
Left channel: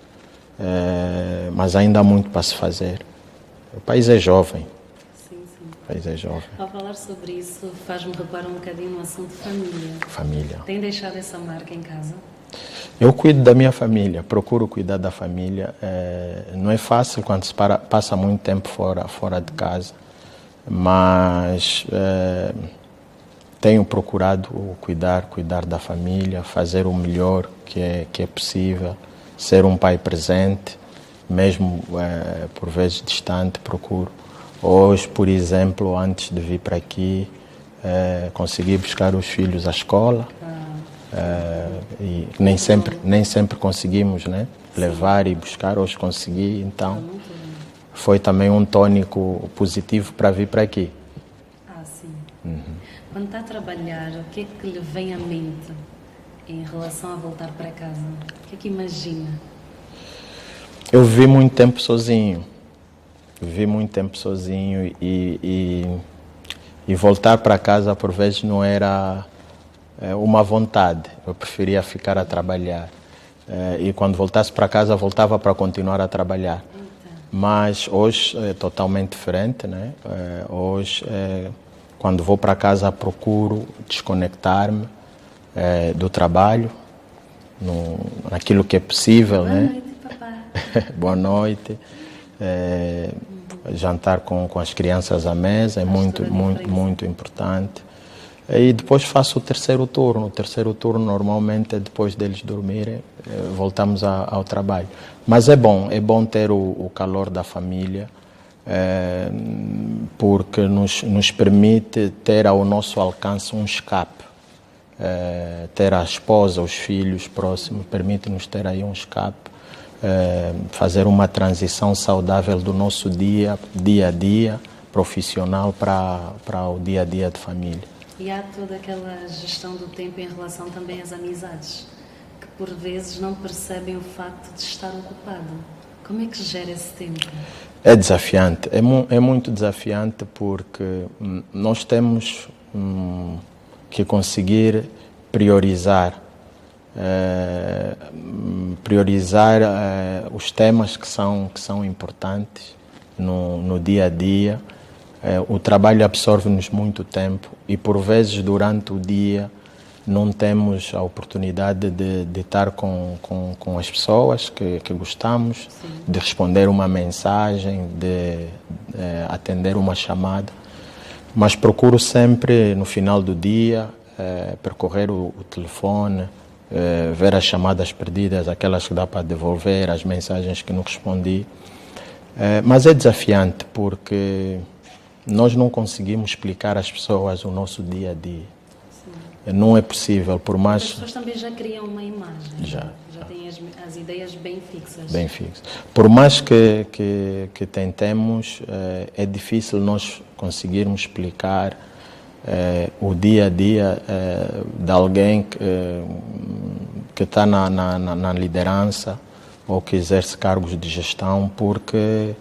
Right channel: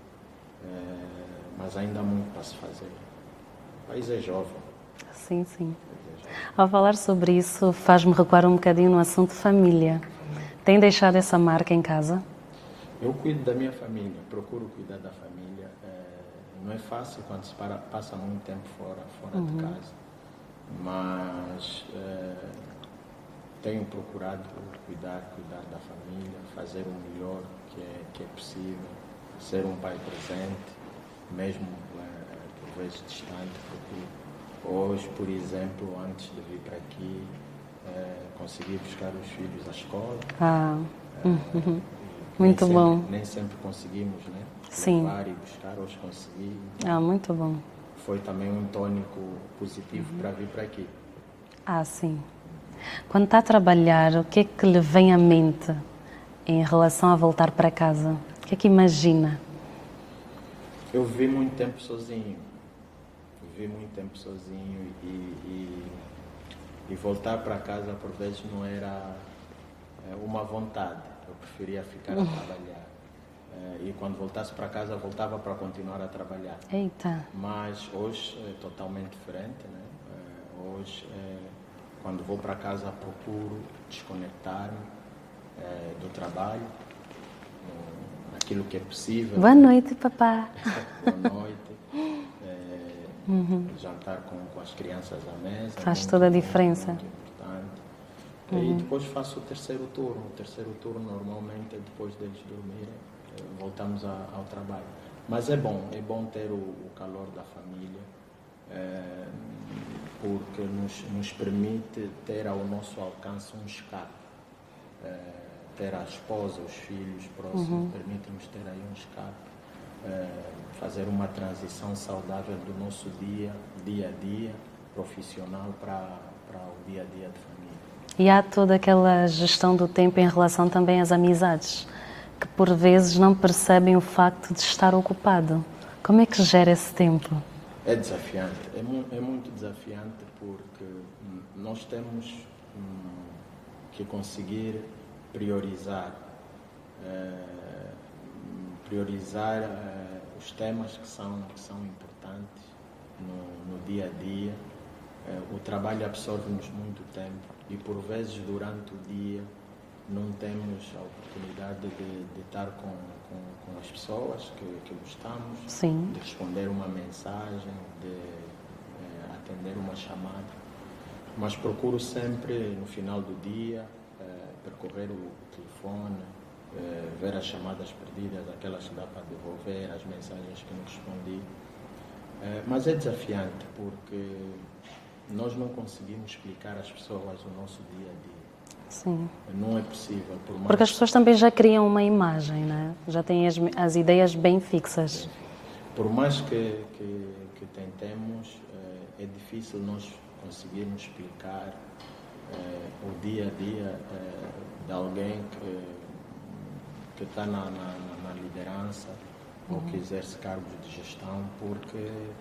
mas ainda há muito para se fazer. O país é jovem. Sim, sim. O país é jovem. Ao falar sobre isso, faz-me recuar um bocadinho no assunto família. Família. Tem deixado essa marca em casa? Eu cuido da minha família, procuro cuidar da família. Não é fácil quando se passa muito tempo fora de casa, mas tenho procurado cuidar da família, fazer o melhor que é possível, ser um pai presente, mesmo por vezes distante, procuro. Hoje, por exemplo, antes de vir para aqui, consegui buscar os filhos à escola. E nem sempre conseguimos, né? Levar e buscar, hoje consegui. Então, muito bom. Foi também um tônico positivo para vir para aqui. Sim. Quando está a trabalhar, o que é que lhe vem à mente em relação a voltar para casa? O que é que imagina? Eu vivi muito tempo sozinho. E voltar para casa por vezes não era uma vontade. Eu preferia ficar a trabalhar. E quando voltasse para casa, voltava para continuar a trabalhar. Eita. Mas hoje é totalmente diferente, né? Hoje, quando vou para casa, procuro desconectar-me do trabalho, naquilo que é possível. Boa noite, papá. Boa noite. Jantar com as crianças à mesa é muito importante. E depois faço o terceiro turno. O terceiro turno normalmente é depois deles dormirem, voltamos ao trabalho. Mas é bom ter o calor da família, porque nos permite ter ao nosso alcance um escape. Ter a esposa, os filhos próximos, permite-nos ter aí um escape, fazer uma transição saudável do nosso dia a dia, profissional, para o dia a dia de família. E há toda aquela gestão do tempo em relação também às amizades, que por vezes não percebem o facto de estar ocupado. Como é que gera esse tempo? É desafiante, é muito desafiante, porque nós temos que conseguir priorizar os temas que são importantes no dia a dia. O trabalho absorve-nos muito tempo e, por vezes, durante o dia, não temos a oportunidade de estar com as pessoas que gostamos, Sim. de responder uma mensagem, de atender uma chamada. Mas procuro sempre, no final do dia, percorrer o telefone, ver as chamadas perdidas, aquelas que dá para devolver, as mensagens que não respondi. Mas é desafiante porque nós não conseguimos explicar às pessoas o nosso dia a dia. Sim. Não é possível, por mais... Porque as pessoas também já criam uma imagem, já têm as ideias bem fixas. Bem fixas. Por mais que tentemos, é difícil nós conseguirmos explicar o dia a dia de alguém que está na liderança ou que exerce cargos de gestão, porque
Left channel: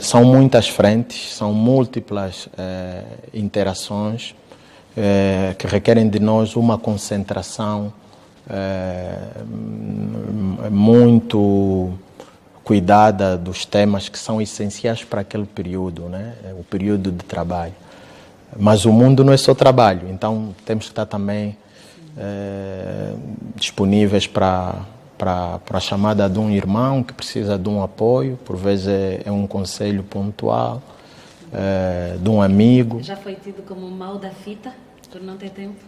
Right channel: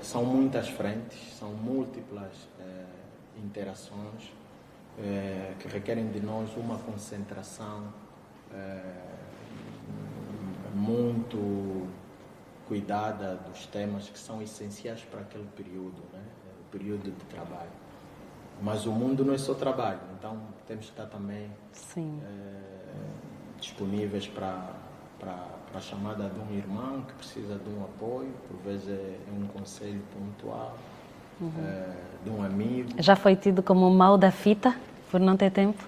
são muitas frentes, são múltiplas interações que requerem de nós uma concentração muito cuidada dos temas que são essenciais para aquele período, né? O período de trabalho. Mas o mundo não é só trabalho, então temos que estar também disponíveis para a chamada de um irmão que precisa de um apoio, por vezes é um conselho pontual, de um amigo. Já foi tido como mal da fita, por não ter tempo?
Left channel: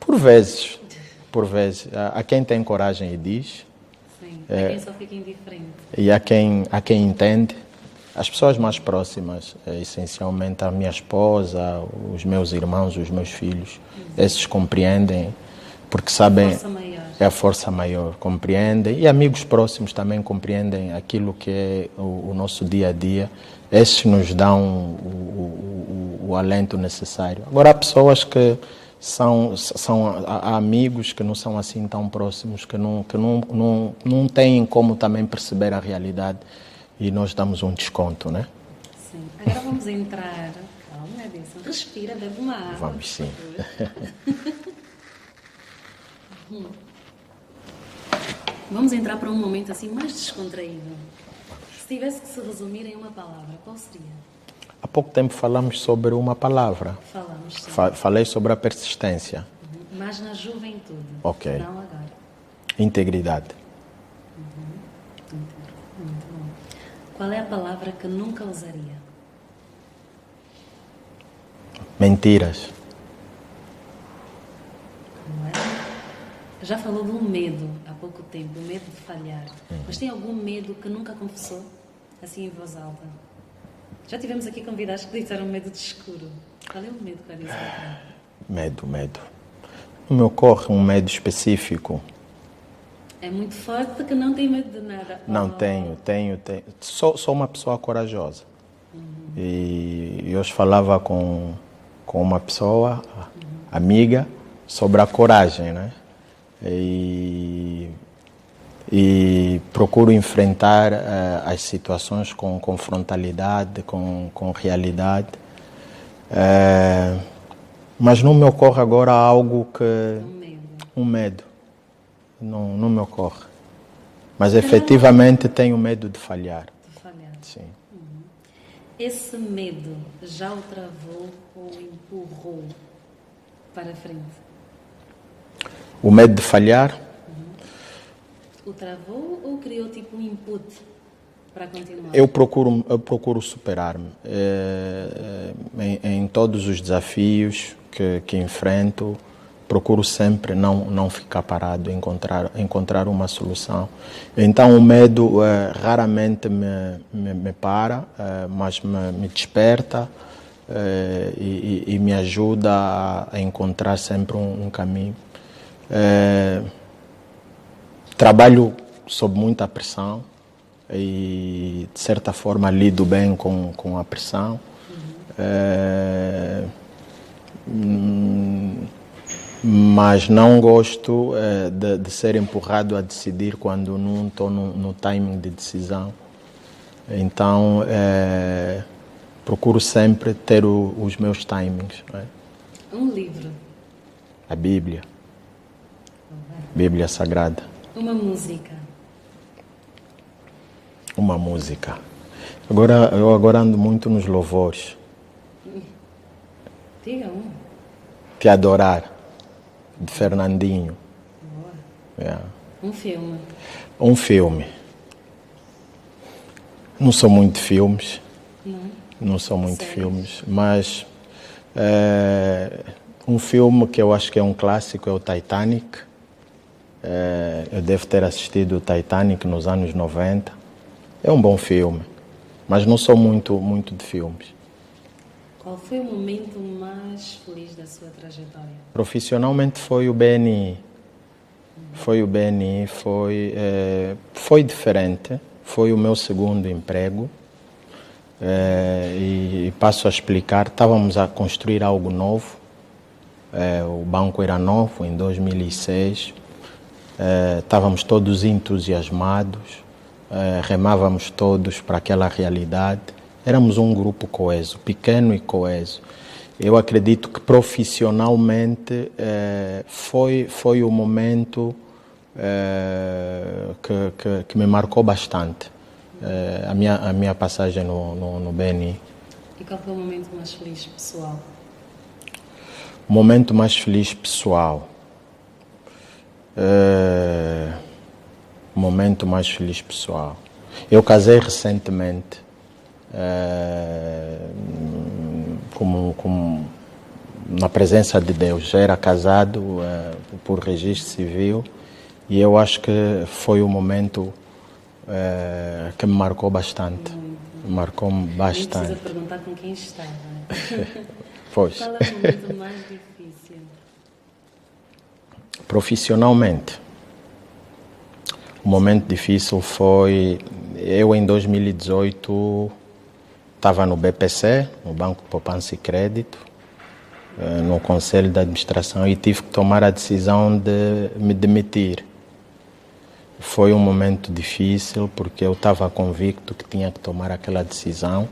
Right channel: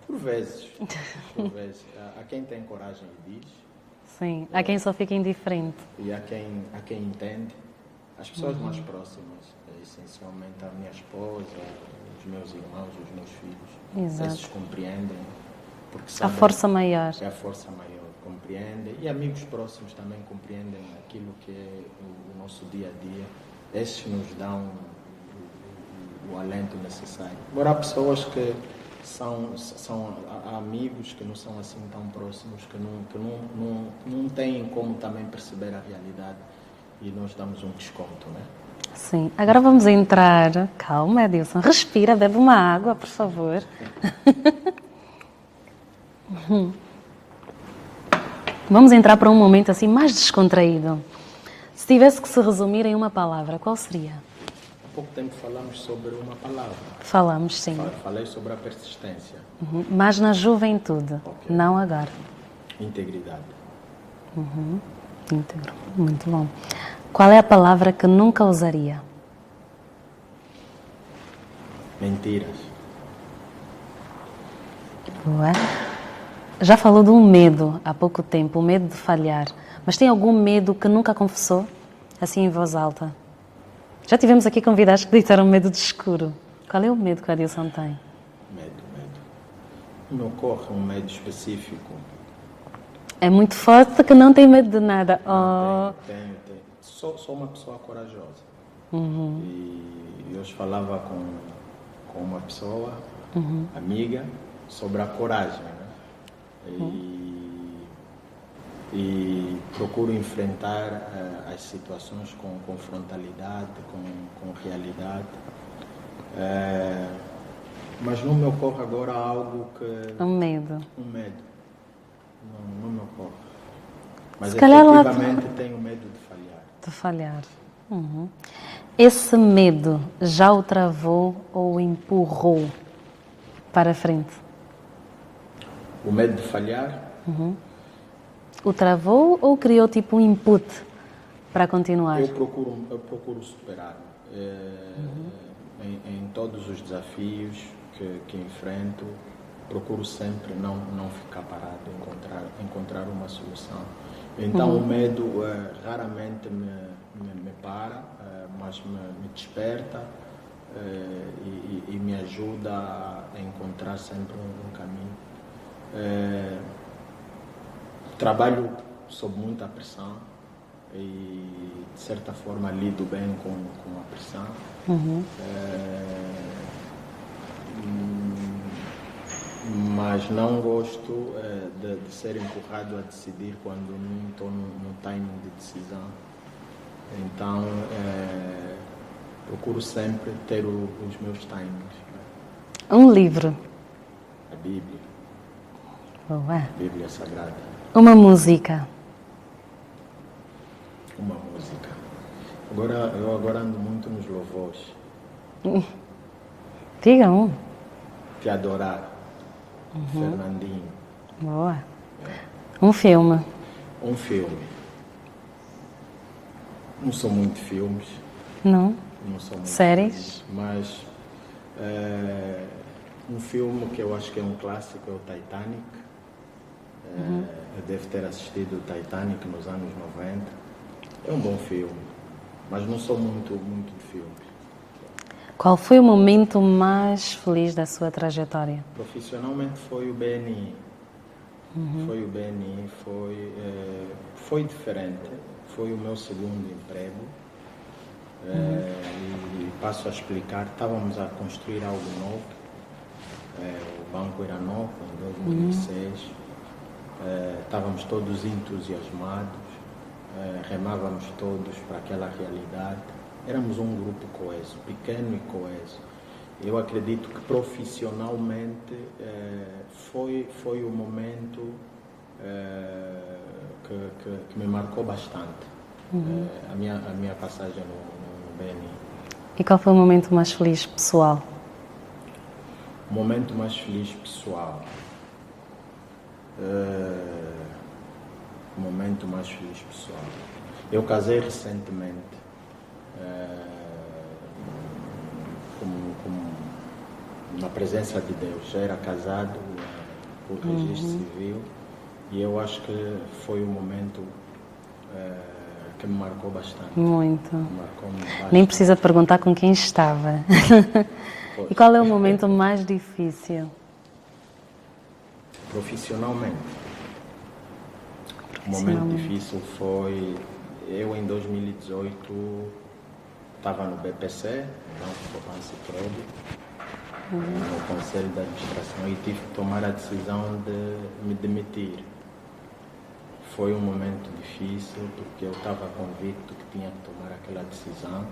Por vezes. Há quem tem coragem e diz. Sim, há quem só fica indiferente. E há quem entende. As pessoas mais próximas, essencialmente a minha esposa, os meus irmãos, os meus filhos, Exato. Esses compreendem, porque sabem... A força maior. É a força maior, compreendem. E amigos próximos também compreendem aquilo que é o nosso dia a dia. Esses nos dão o alento necessário. Agora, há pessoas que há amigos que não são assim tão próximos, que não têm como também perceber a realidade. E nós damos um desconto, né? Sim. Agora vamos entrar... Calma, Adilson. Respira, bebe uma água, por favor. Vamos entrar para um momento assim mais descontraído. Se tivesse que se resumir em uma palavra, qual seria? Há pouco tempo falamos sobre uma palavra. Falamos, sim. Falei sobre a persistência. Mas na juventude, Ok. não agora. Integridade. Íntegro. Muito bom. Qual é a palavra que nunca usaria? Mentiras. Boa. Já falou de um medo há pouco tempo, o medo de falhar. Mas tem algum medo que nunca confessou? Assim em voz alta. Já tivemos aqui convidados que disseram medo de escuro. Qual é o medo que o Adilson tem? Medo. Não me ocorre um medo específico. É muito forte que não tem medo de nada. Não, tenho. Sou uma pessoa corajosa. E hoje falava com uma pessoa, amiga, sobre a coragem, né? E procuro enfrentar as situações com frontalidade, com realidade. Mas não me ocorre agora algo que... Um medo. Não me ocorre. Mas efetivamente tenho medo de falhar. De falhar. Sim. Esse medo já o travou ou o empurrou para a frente? O medo de falhar? O travou ou criou tipo um input para continuar? Eu procuro superar-me em todos os desafios que enfrento. Procuro sempre não ficar parado, encontrar uma solução. Então o medo raramente me para, mas me desperta e me ajuda a encontrar sempre um caminho. Trabalho sob muita pressão e, de certa forma, lido bem com a pressão. Mas não gosto de ser empurrado a decidir quando não estou no timing de decisão. Então, procuro sempre ter os meus timings. Né? Um livro. A Bíblia. Boa. Bíblia Sagrada. Uma música. Uma música. Eu agora ando muito nos louvores. Diga um. Te Adorar, de Fernandinho. Boa. É. Um filme. Um filme. Não sou muito de filmes. Não? Não sou muito de Séries? filmes, mas Um filme que eu acho que é um clássico é o Titanic. Eu devo ter assistido o Titanic nos anos 90. É um bom filme, mas não sou muito de filmes. Qual foi o momento mais feliz da sua trajetória? Profissionalmente foi o BNI. Foi o BNI, foi diferente. Foi o meu segundo emprego. E passo a explicar. Estávamos a construir algo novo. O banco era novo, em 2006. Estávamos todos entusiasmados. Remávamos todos para aquela realidade. Éramos um grupo coeso, pequeno e coeso. Eu acredito que profissionalmente foi o momento que me marcou bastante, a minha passagem no BNI. E qual foi o momento mais feliz pessoal? O momento mais feliz pessoal. O momento mais feliz pessoal. Eu casei recentemente. Como na presença de Deus, já era casado por registro civil, e eu acho que foi o momento que me marcou bastante. Muito. Marcou-me bastante. Nem precisa perguntar com quem estava. Pois. E qual é o momento mais difícil? Profissionalmente, o momento difícil foi... Eu, em 2018, estava no BPC, no Banco de Poupança e Crédito, no Conselho de Administração, e tive que tomar a decisão de me demitir. Foi um momento difícil, porque eu estava convicto que tinha que tomar aquela decisão,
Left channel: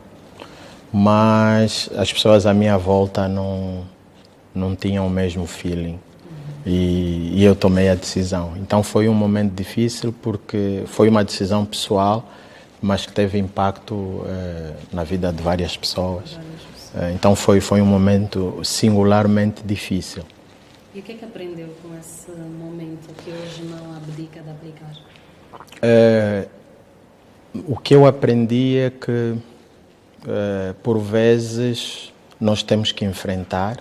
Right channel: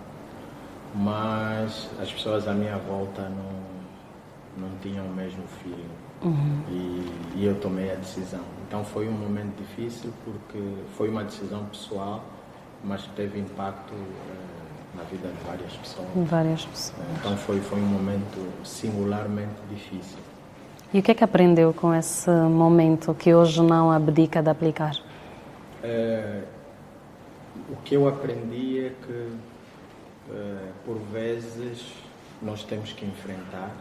mas as pessoas à minha volta não tinham o mesmo feeling. E eu tomei a decisão. Então foi um momento difícil, porque foi uma decisão pessoal, mas que teve impacto na vida de várias pessoas. Então foi um momento singularmente difícil. E o que é que aprendeu com esse momento que hoje não abdica de aplicar? O que eu aprendi é que, por vezes, nós temos que enfrentar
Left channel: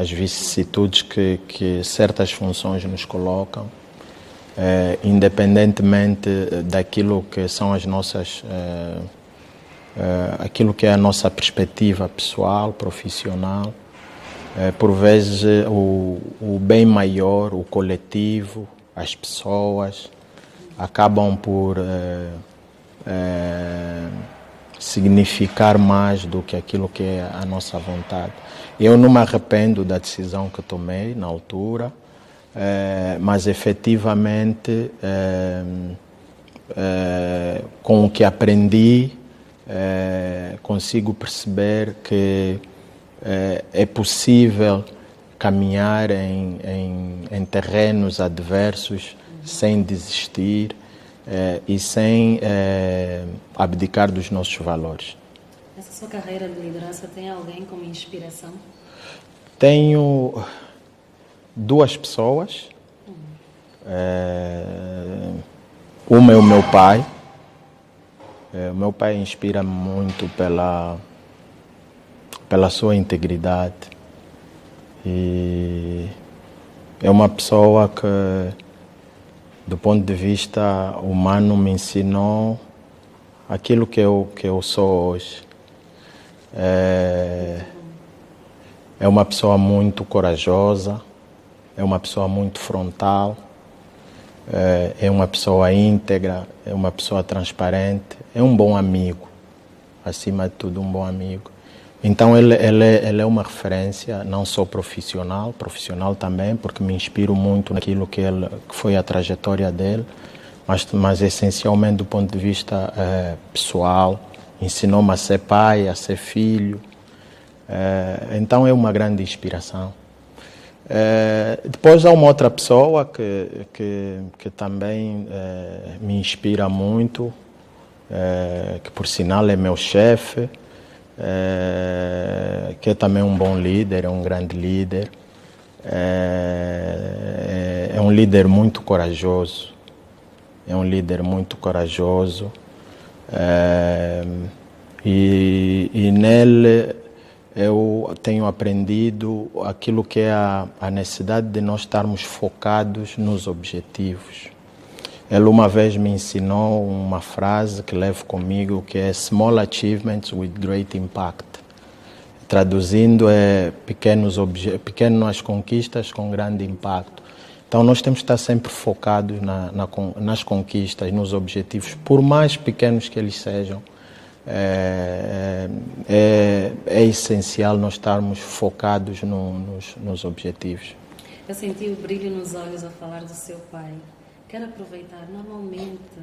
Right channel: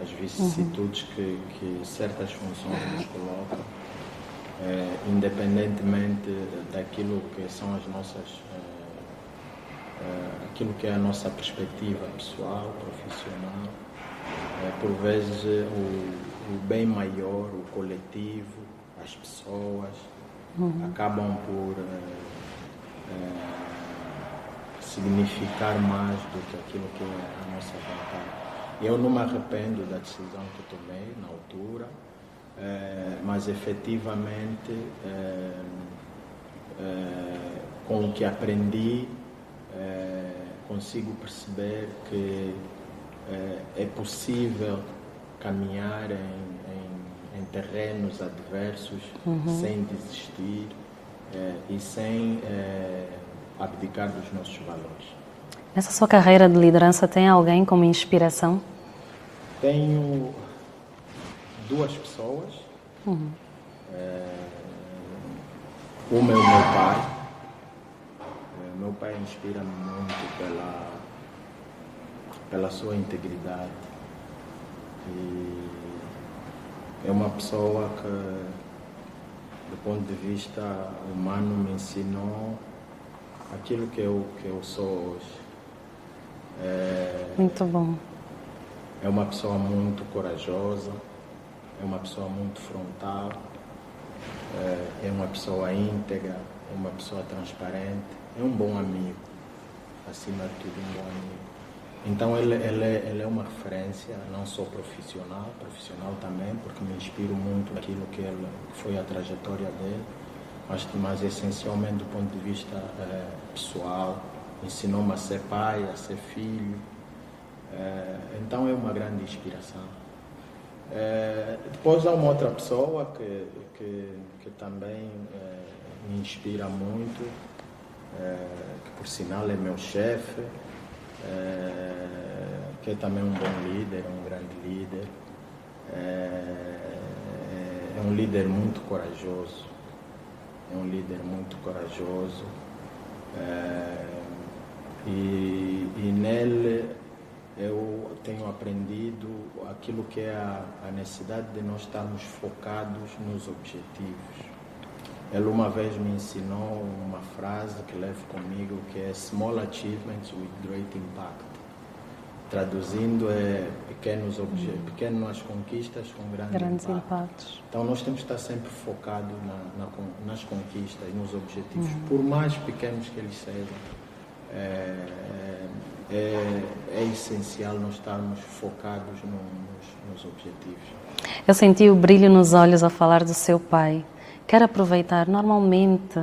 as vicissitudes que certas funções nos colocam, independentemente daquilo que são as nossas, aquilo que é a nossa perspectiva pessoal, profissional. Por vezes o bem maior, o coletivo, as pessoas acabam por significar mais do que aquilo que é a nossa vontade. Eu não me arrependo da decisão que tomei na altura, mas efetivamente, com o que aprendi, consigo perceber que é possível caminhar em terrenos adversos sem desistir e sem abdicar dos nossos valores. Nessa sua carreira de liderança, tem alguém como inspiração? Tenho duas pessoas. Uma é o meu pai. O meu pai inspira-me muito pela sua integridade. E é uma pessoa que, do ponto de vista humano, me ensinou aquilo que eu sou hoje. Muito bom. É uma pessoa muito corajosa, é uma pessoa muito frontal, é uma pessoa íntegra, é uma pessoa transparente, é um bom amigo, acima de tudo um bom amigo. Então ele é uma referência, não só profissional também, porque me inspiro muito naquilo que foi a trajetória dele, mas essencialmente do ponto de vista pessoal. Ensinou-me a ser pai, a ser filho. Então é uma grande inspiração. Depois há uma outra pessoa que também me inspira muito, que por sinal é meu chefe, que é também um bom líder, é um grande líder. É um líder muito corajoso. É um líder muito corajoso. E nele eu tenho aprendido aquilo que é a necessidade de nós estarmos focados nos objetivos. Ele uma vez me ensinou uma frase que levo comigo, que é Small Achievements with Great Impact. Traduzindo, é pequenas conquistas com grande impacto. Então, nós temos que estar sempre focados nas conquistas, nos objetivos, por mais pequenos que eles sejam. É essencial nós estarmos focados nos objetivos. Eu senti o brilho nos olhos ao falar do seu pai. Quero aproveitar, normalmente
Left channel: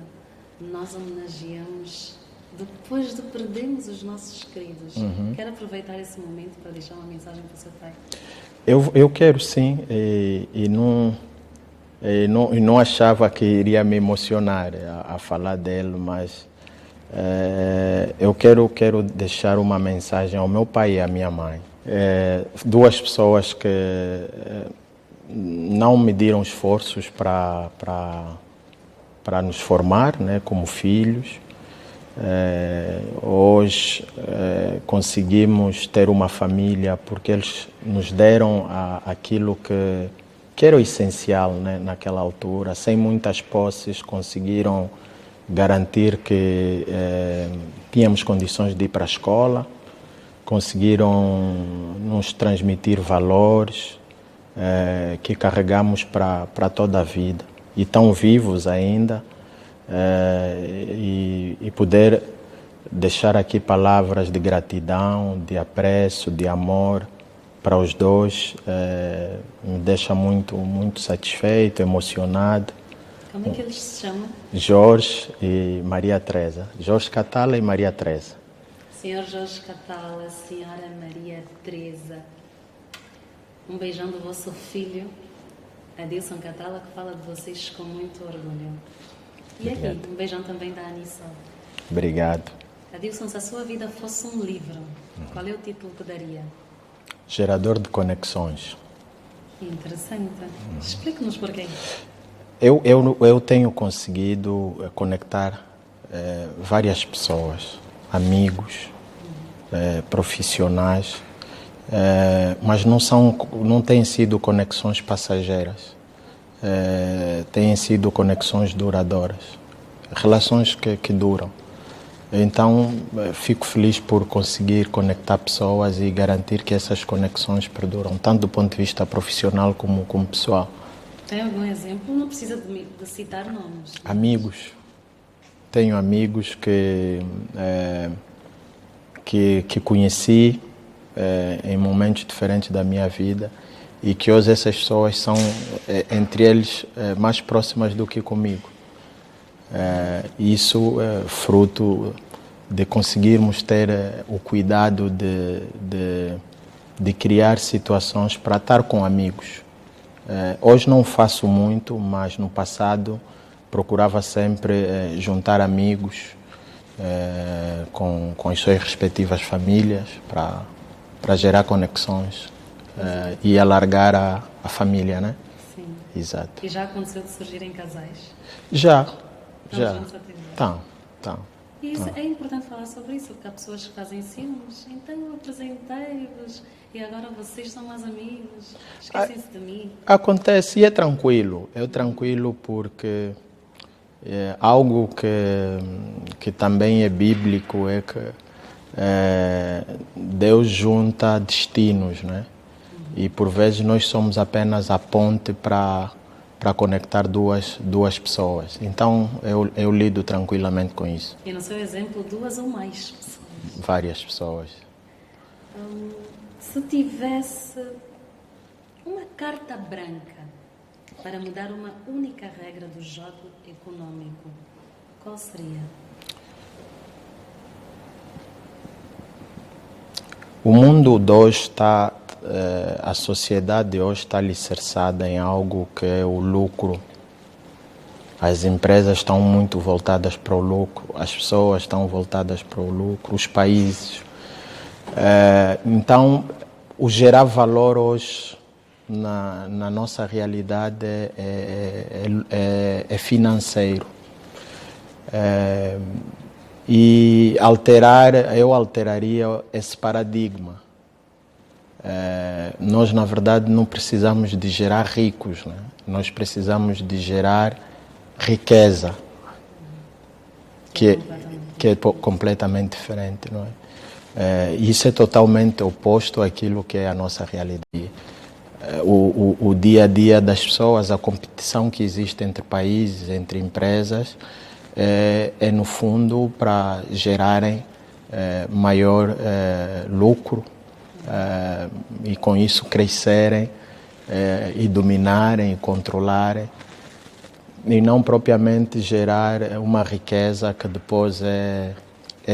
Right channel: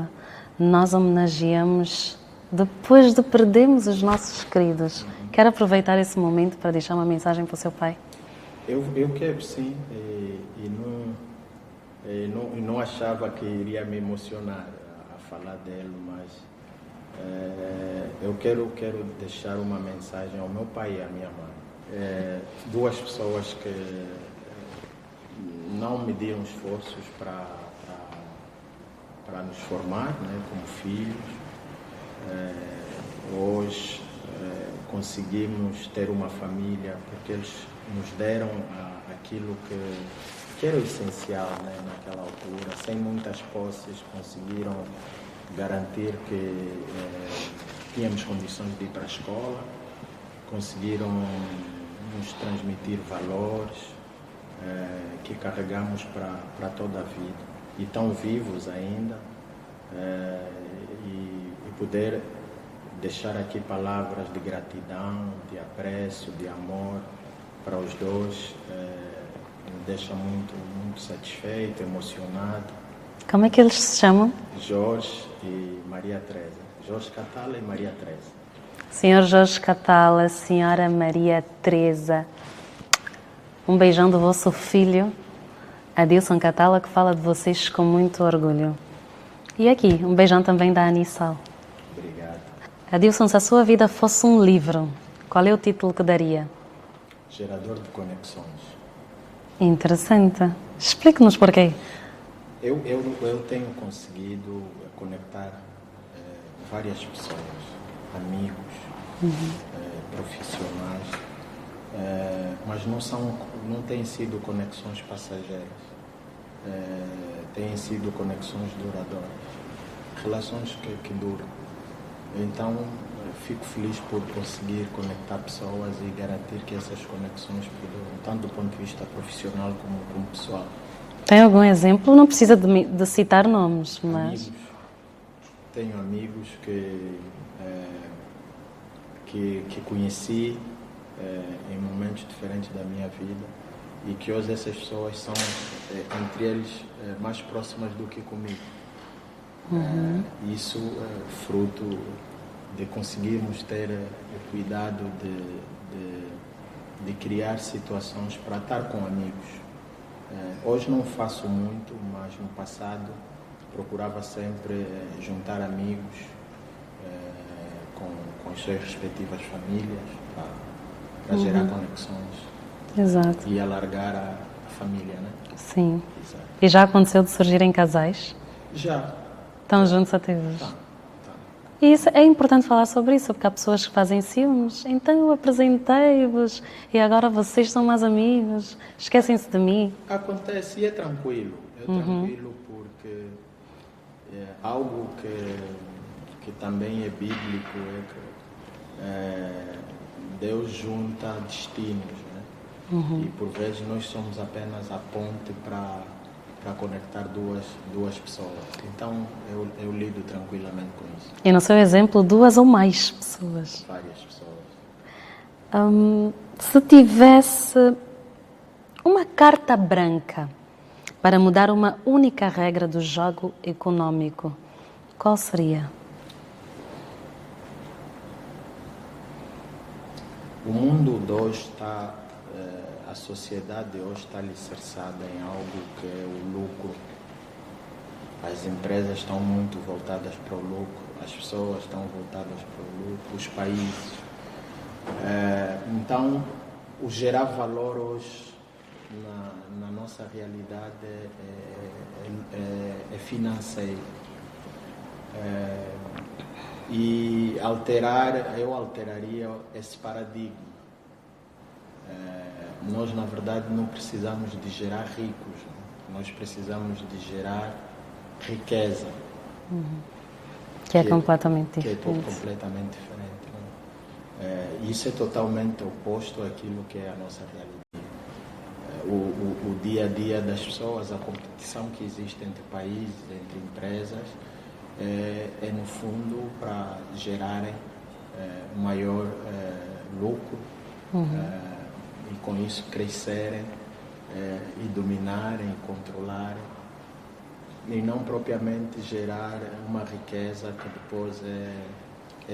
nós homenageamos depois de perdermos os nossos queridos. Quero aproveitar esse momento para deixar uma mensagem para o seu pai. Eu quero sim, e não achava que iria me emocionar a falar dele, mas eu quero deixar uma mensagem ao meu pai e à minha mãe. Duas pessoas que não mediram esforços para nos formar, né, como filhos. Hoje conseguimos ter uma família porque eles nos deram aquilo que era o essencial, né, naquela altura. Sem muitas posses, conseguiram garantir que tínhamos condições de ir para a escola, conseguiram nos transmitir valores que carregamos para toda a vida. E estão vivos ainda. E poder deixar aqui palavras de gratidão, de apreço, de amor para os dois me deixa muito, muito satisfeito, emocionado. Como é que eles se chamam? Jorge e Maria Teresa. Jorge Catala e Maria Teresa. Senhor Jorge Catala, Senhora Maria Teresa, um beijão do vosso filho, Adilson Catala, que fala de vocês com muito orgulho. E aqui, um beijão também da Anissal. Obrigado. Adilson, se a sua vida fosse um livro, qual é o título que daria? Gerador de conexões. Interessante. Explique-nos porquê. Eu tenho conseguido conectar várias pessoas, amigos, profissionais, mas não têm sido conexões passageiras. Têm sido conexões duradouras, relações que duram. Então, fico feliz por conseguir conectar pessoas e garantir que essas conexões perduram, tanto do ponto de vista profissional como pessoal. Tem algum exemplo? Não precisa de citar nomes. Mas... Amigos. Tenho amigos que conheci em momentos diferentes da minha vida e que hoje essas pessoas são, entre eles, mais próximas do que comigo. Isso é fruto de conseguirmos ter o cuidado de criar situações para estar com amigos. Hoje não faço muito, mas no passado procurava sempre juntar amigos com as suas respectivas famílias para gerar conexões e alargar a família, né? Sim. Exato. E já aconteceu de surgirem casais? Já. Estão já. juntos até hoje? Estão. E isso, é importante falar sobre isso, porque há pessoas que fazem ciúmes. Então eu apresentei-vos e agora vocês são mais amigos. Esquecem-se de mim. Acontece e é tranquilo. É tranquilo porque algo que também é bíblico é que Deus junta destinos, né? E por vezes nós somos apenas a ponte para conectar duas pessoas. Então eu lido tranquilamente com isso. E no seu exemplo, 2 ou mais pessoas? Várias pessoas. Se tivesse uma carta branca para mudar uma única regra do jogo econômico, qual seria? O mundo de hoje está, a sociedade de hoje está alicerçada em algo que é o lucro. As empresas estão muito voltadas para o lucro, as pessoas estão voltadas para o lucro, os países. Então, o gerar valor hoje na nossa realidade é financeiro. E eu alteraria esse paradigma. nós, na verdade, não precisamos de gerar ricos, né? Nós precisamos de gerar riqueza. Que é completamente diferente. Completamente diferente, não é? Isso é totalmente oposto àquilo que é a nossa realidade. O dia a dia das pessoas, a competição que existe entre países, entre empresas, é no fundo para gerarem maior lucro e com isso crescerem e dominarem e controlarem, e não propriamente gerar uma riqueza que depois é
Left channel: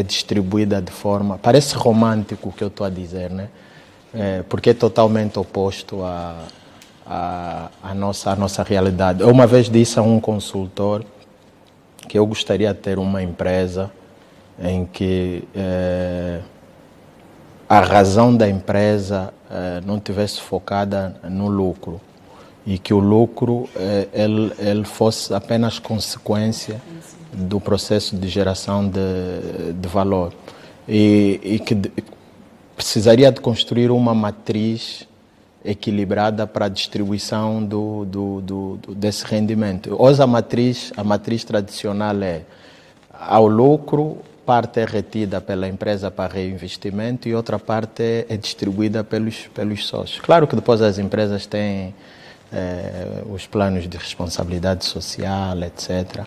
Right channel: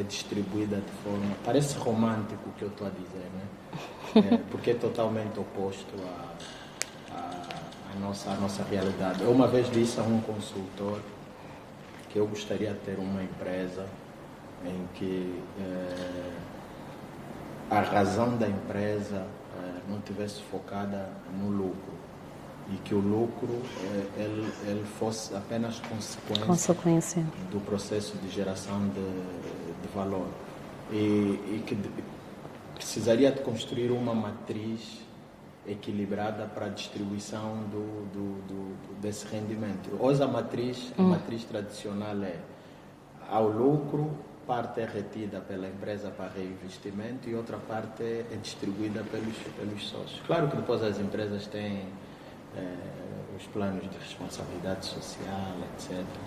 distribuída de forma... Parece romântico o que eu estou a dizer, né? Porque é totalmente oposto à nossa realidade. Eu uma vez disse a um consultor que eu gostaria de ter uma empresa em que a razão da empresa não tivesse focada no lucro, e que o lucro ele fosse apenas consequência do processo de geração de valor, e que precisaria de construir uma matriz equilibrada para a distribuição desse rendimento. Hoje a matriz tradicional ao lucro, parte é retida pela empresa para reinvestimento e outra parte é distribuída pelos sócios. Claro que depois as empresas têm os planos de responsabilidade social, etc.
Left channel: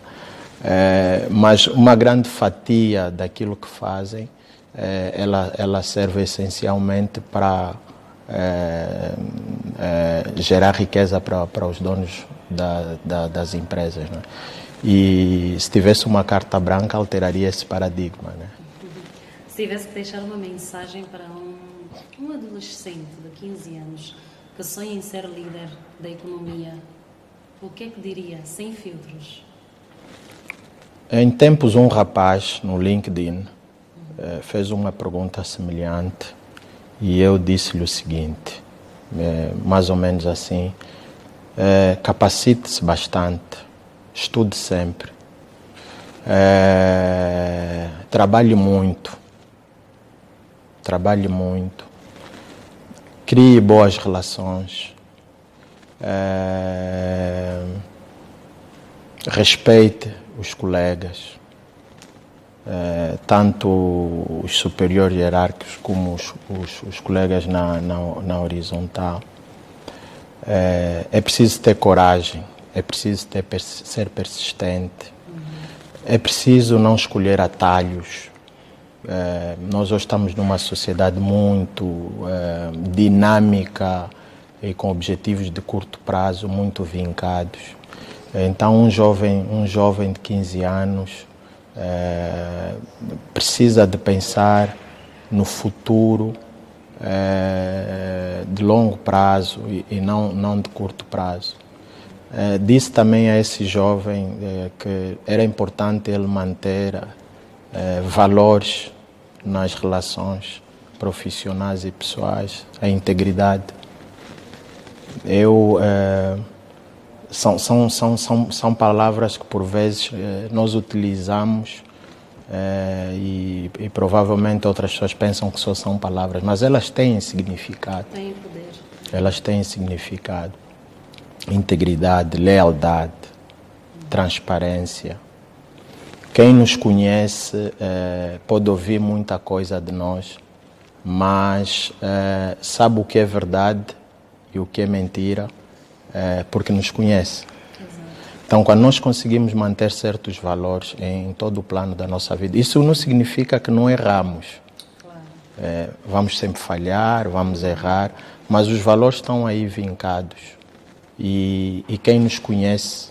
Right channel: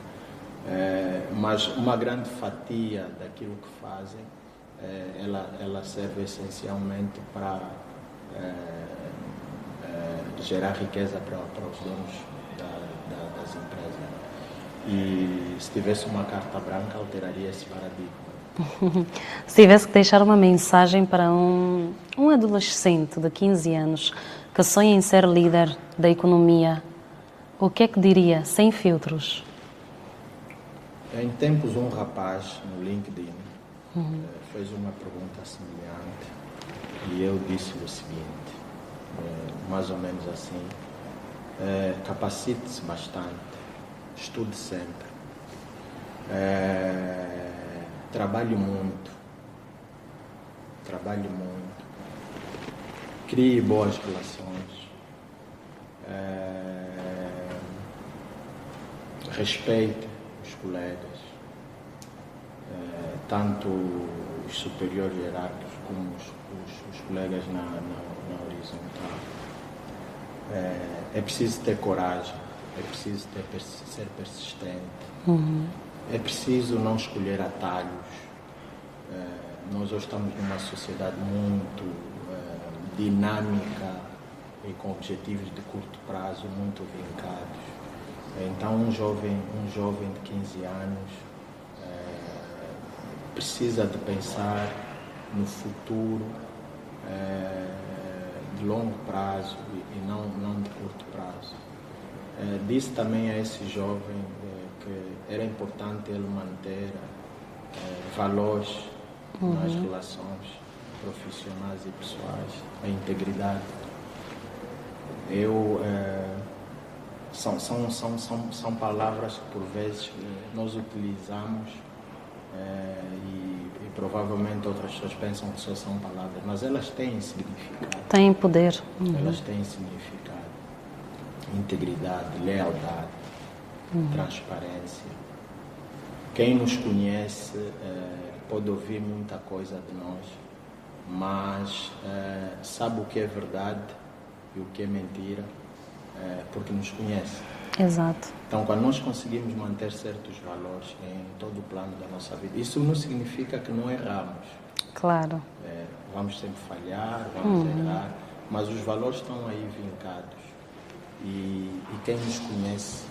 Mas uma grande fatia daquilo que fazem, ela serve essencialmente para gerar riqueza para os donos das empresas, né? E se tivesse uma carta branca, alteraria esse paradigma, né? Se tivesse que deixar uma mensagem para um adolescente de 15 anos que sonha em ser líder da economia, o que é que diria, sem filtros? Em tempos, um rapaz no LinkedIn fez uma pergunta semelhante e eu disse-lhe o seguinte, mais ou menos assim: capacite-se bastante, estude sempre, trabalhe muito, crie boas relações, respeite os colegas, tanto os superiores hierárquicos como os colegas na horizontal. É preciso ter coragem, é preciso ser persistente, é preciso não escolher atalhos. Nós hoje estamos numa sociedade muito dinâmica e com objetivos de curto prazo muito vincados. Então um jovem de 15 anos precisa de pensar no futuro de longo prazo e não de curto prazo. Disse também a esse jovem que era importante ele manter valores nas relações profissionais e pessoais, a integridade. São palavras que por vezes nós utilizamos e provavelmente outras pessoas pensam que só são palavras, mas elas têm significado. Têm poder. Elas têm significado. Integridade, lealdade, transparência. Quem nos conhece pode ouvir muita coisa de nós, mas sabe o que é verdade e o que é mentira, porque nos conhece. Exato. Então, quando nós conseguimos manter certos valores em todo o plano da nossa vida, isso não significa que não erramos. Claro. Vamos sempre falhar, vamos errar, mas os valores estão aí vincados. E quem nos conhece,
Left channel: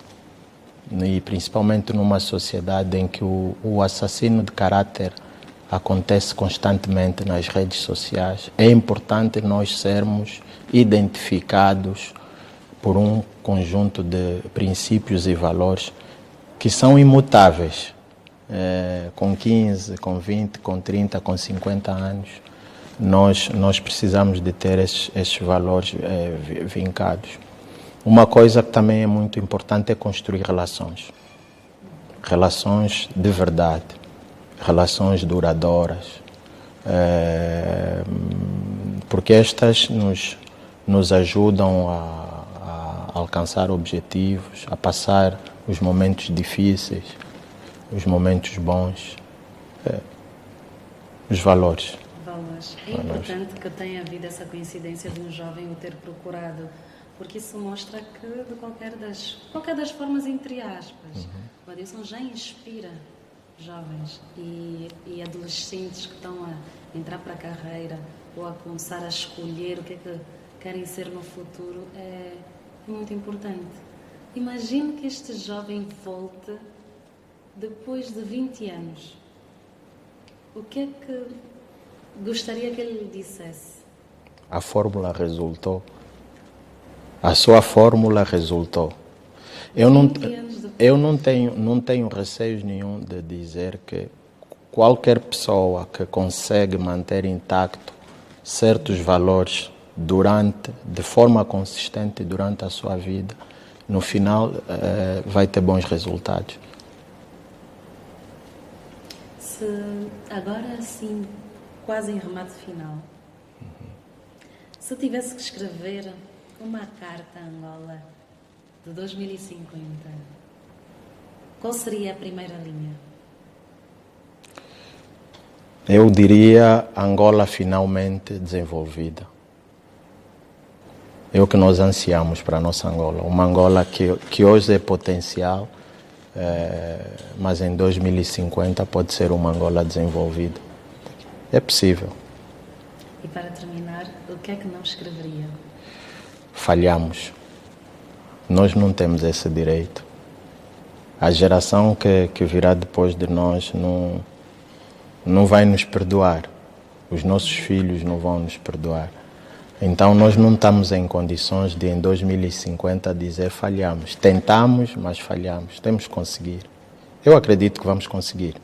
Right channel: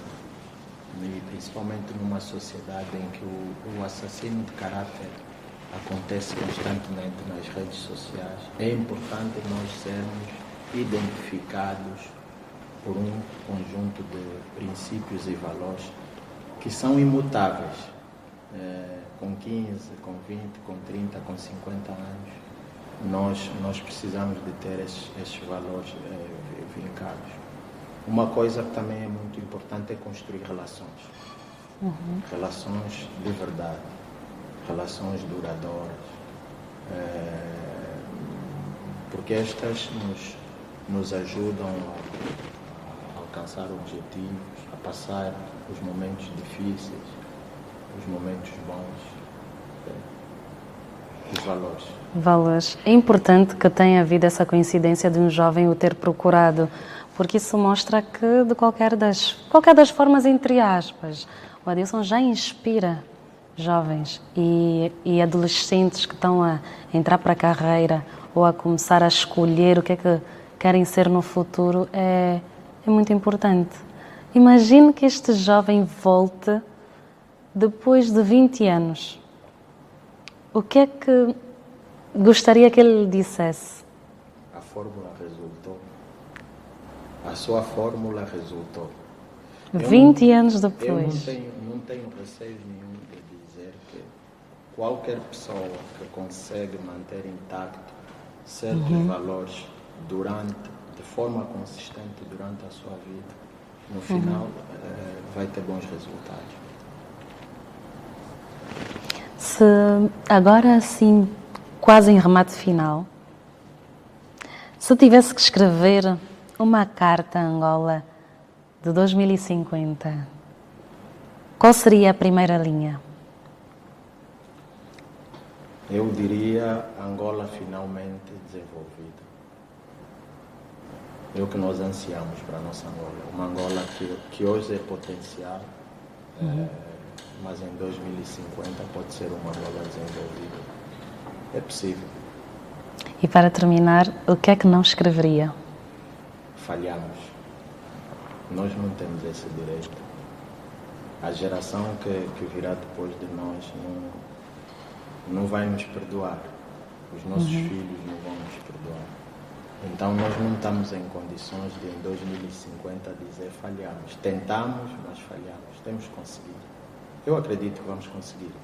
e principalmente numa sociedade em que o assassínio de caráter acontece constantemente nas redes sociais, é importante nós sermos identificados por um conjunto de princípios e valores que são imutáveis. Com 15, com 20, com 30, com 50 anos, nós precisamos de ter esses valores vincados. Uma coisa que também é muito importante é construir relações. Relações de verdade, relações duradouras, porque estas nos ajudam a alcançar objetivos, a passar os momentos difíceis, os momentos bons, os valores. Valores. É importante que tenha havido essa coincidência de um jovem o ter procurado, porque isso mostra que de qualquer das formas, entre aspas, o Adilson já inspira jovens e adolescentes que estão a entrar para a carreira ou a começar a escolher o que é que querem ser no futuro. É muito importante. Imagine que este jovem volte depois de 20 anos. O que é que gostaria que ele lhe dissesse? A fórmula resultou. A sua fórmula resultou. 20 anos depois. Eu não tenho receio nenhum de dizer que qualquer pessoa que consegue manter intacto certos valores de forma consistente durante a sua vida, no final vai ter bons resultados. Agora sim, quase em remate final, se tivesse que escrever uma carta a Angola de 2050, qual seria a primeira linha? Eu diria Angola finalmente desenvolvida. É o que nós ansiamos para a nossa Angola. Uma Angola que hoje é potencial, mas em 2050 pode ser uma Angola desenvolvida. É possível. E para terminar, o que é que não escreveria? Falhamos. Nós não temos esse direito. A geração que virá depois de nós não vai nos perdoar. Os nossos filhos não vão nos perdoar. Então nós não estamos em condições de em 2050 dizer falhamos. Tentamos, mas falhamos. Temos que conseguir. Eu acredito que vamos conseguir.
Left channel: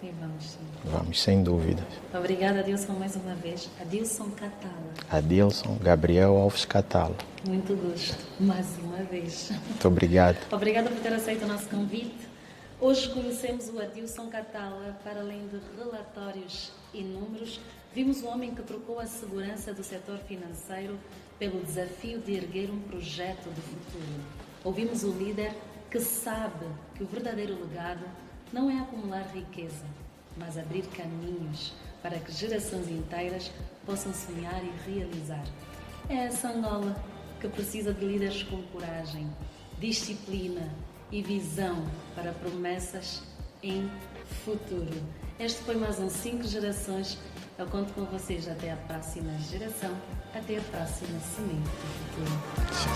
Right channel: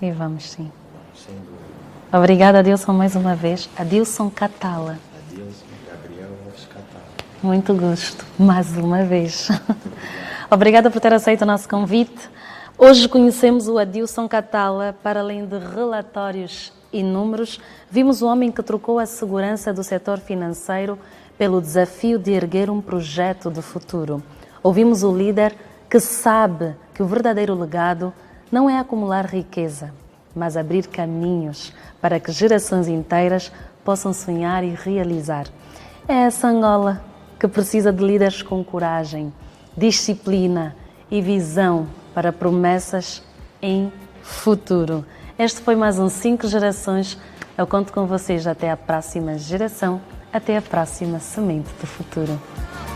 E vamos sim. Vamos, sem dúvida. Obrigada, Adilson, mais uma vez. Adilson Catala. Adilson Gabriel Alves Catala. Muito gosto, mais uma vez. Muito obrigado. Obrigada por ter aceito o nosso convite. Hoje conhecemos o Adilson Catala. Para além de relatórios e números, vimos o homem que trocou a segurança do setor financeiro pelo desafio de erguer um projeto de futuro. Ouvimos o líder que sabe que o verdadeiro legado não é acumular riqueza, mas abrir caminhos para que gerações inteiras possam sonhar e realizar. É essa Angola que precisa de líderes com coragem, disciplina e visão para promessas em futuro. Este foi mais um 5 Gerações. Eu conto com vocês até a próxima geração, até a próxima Semente do Futuro.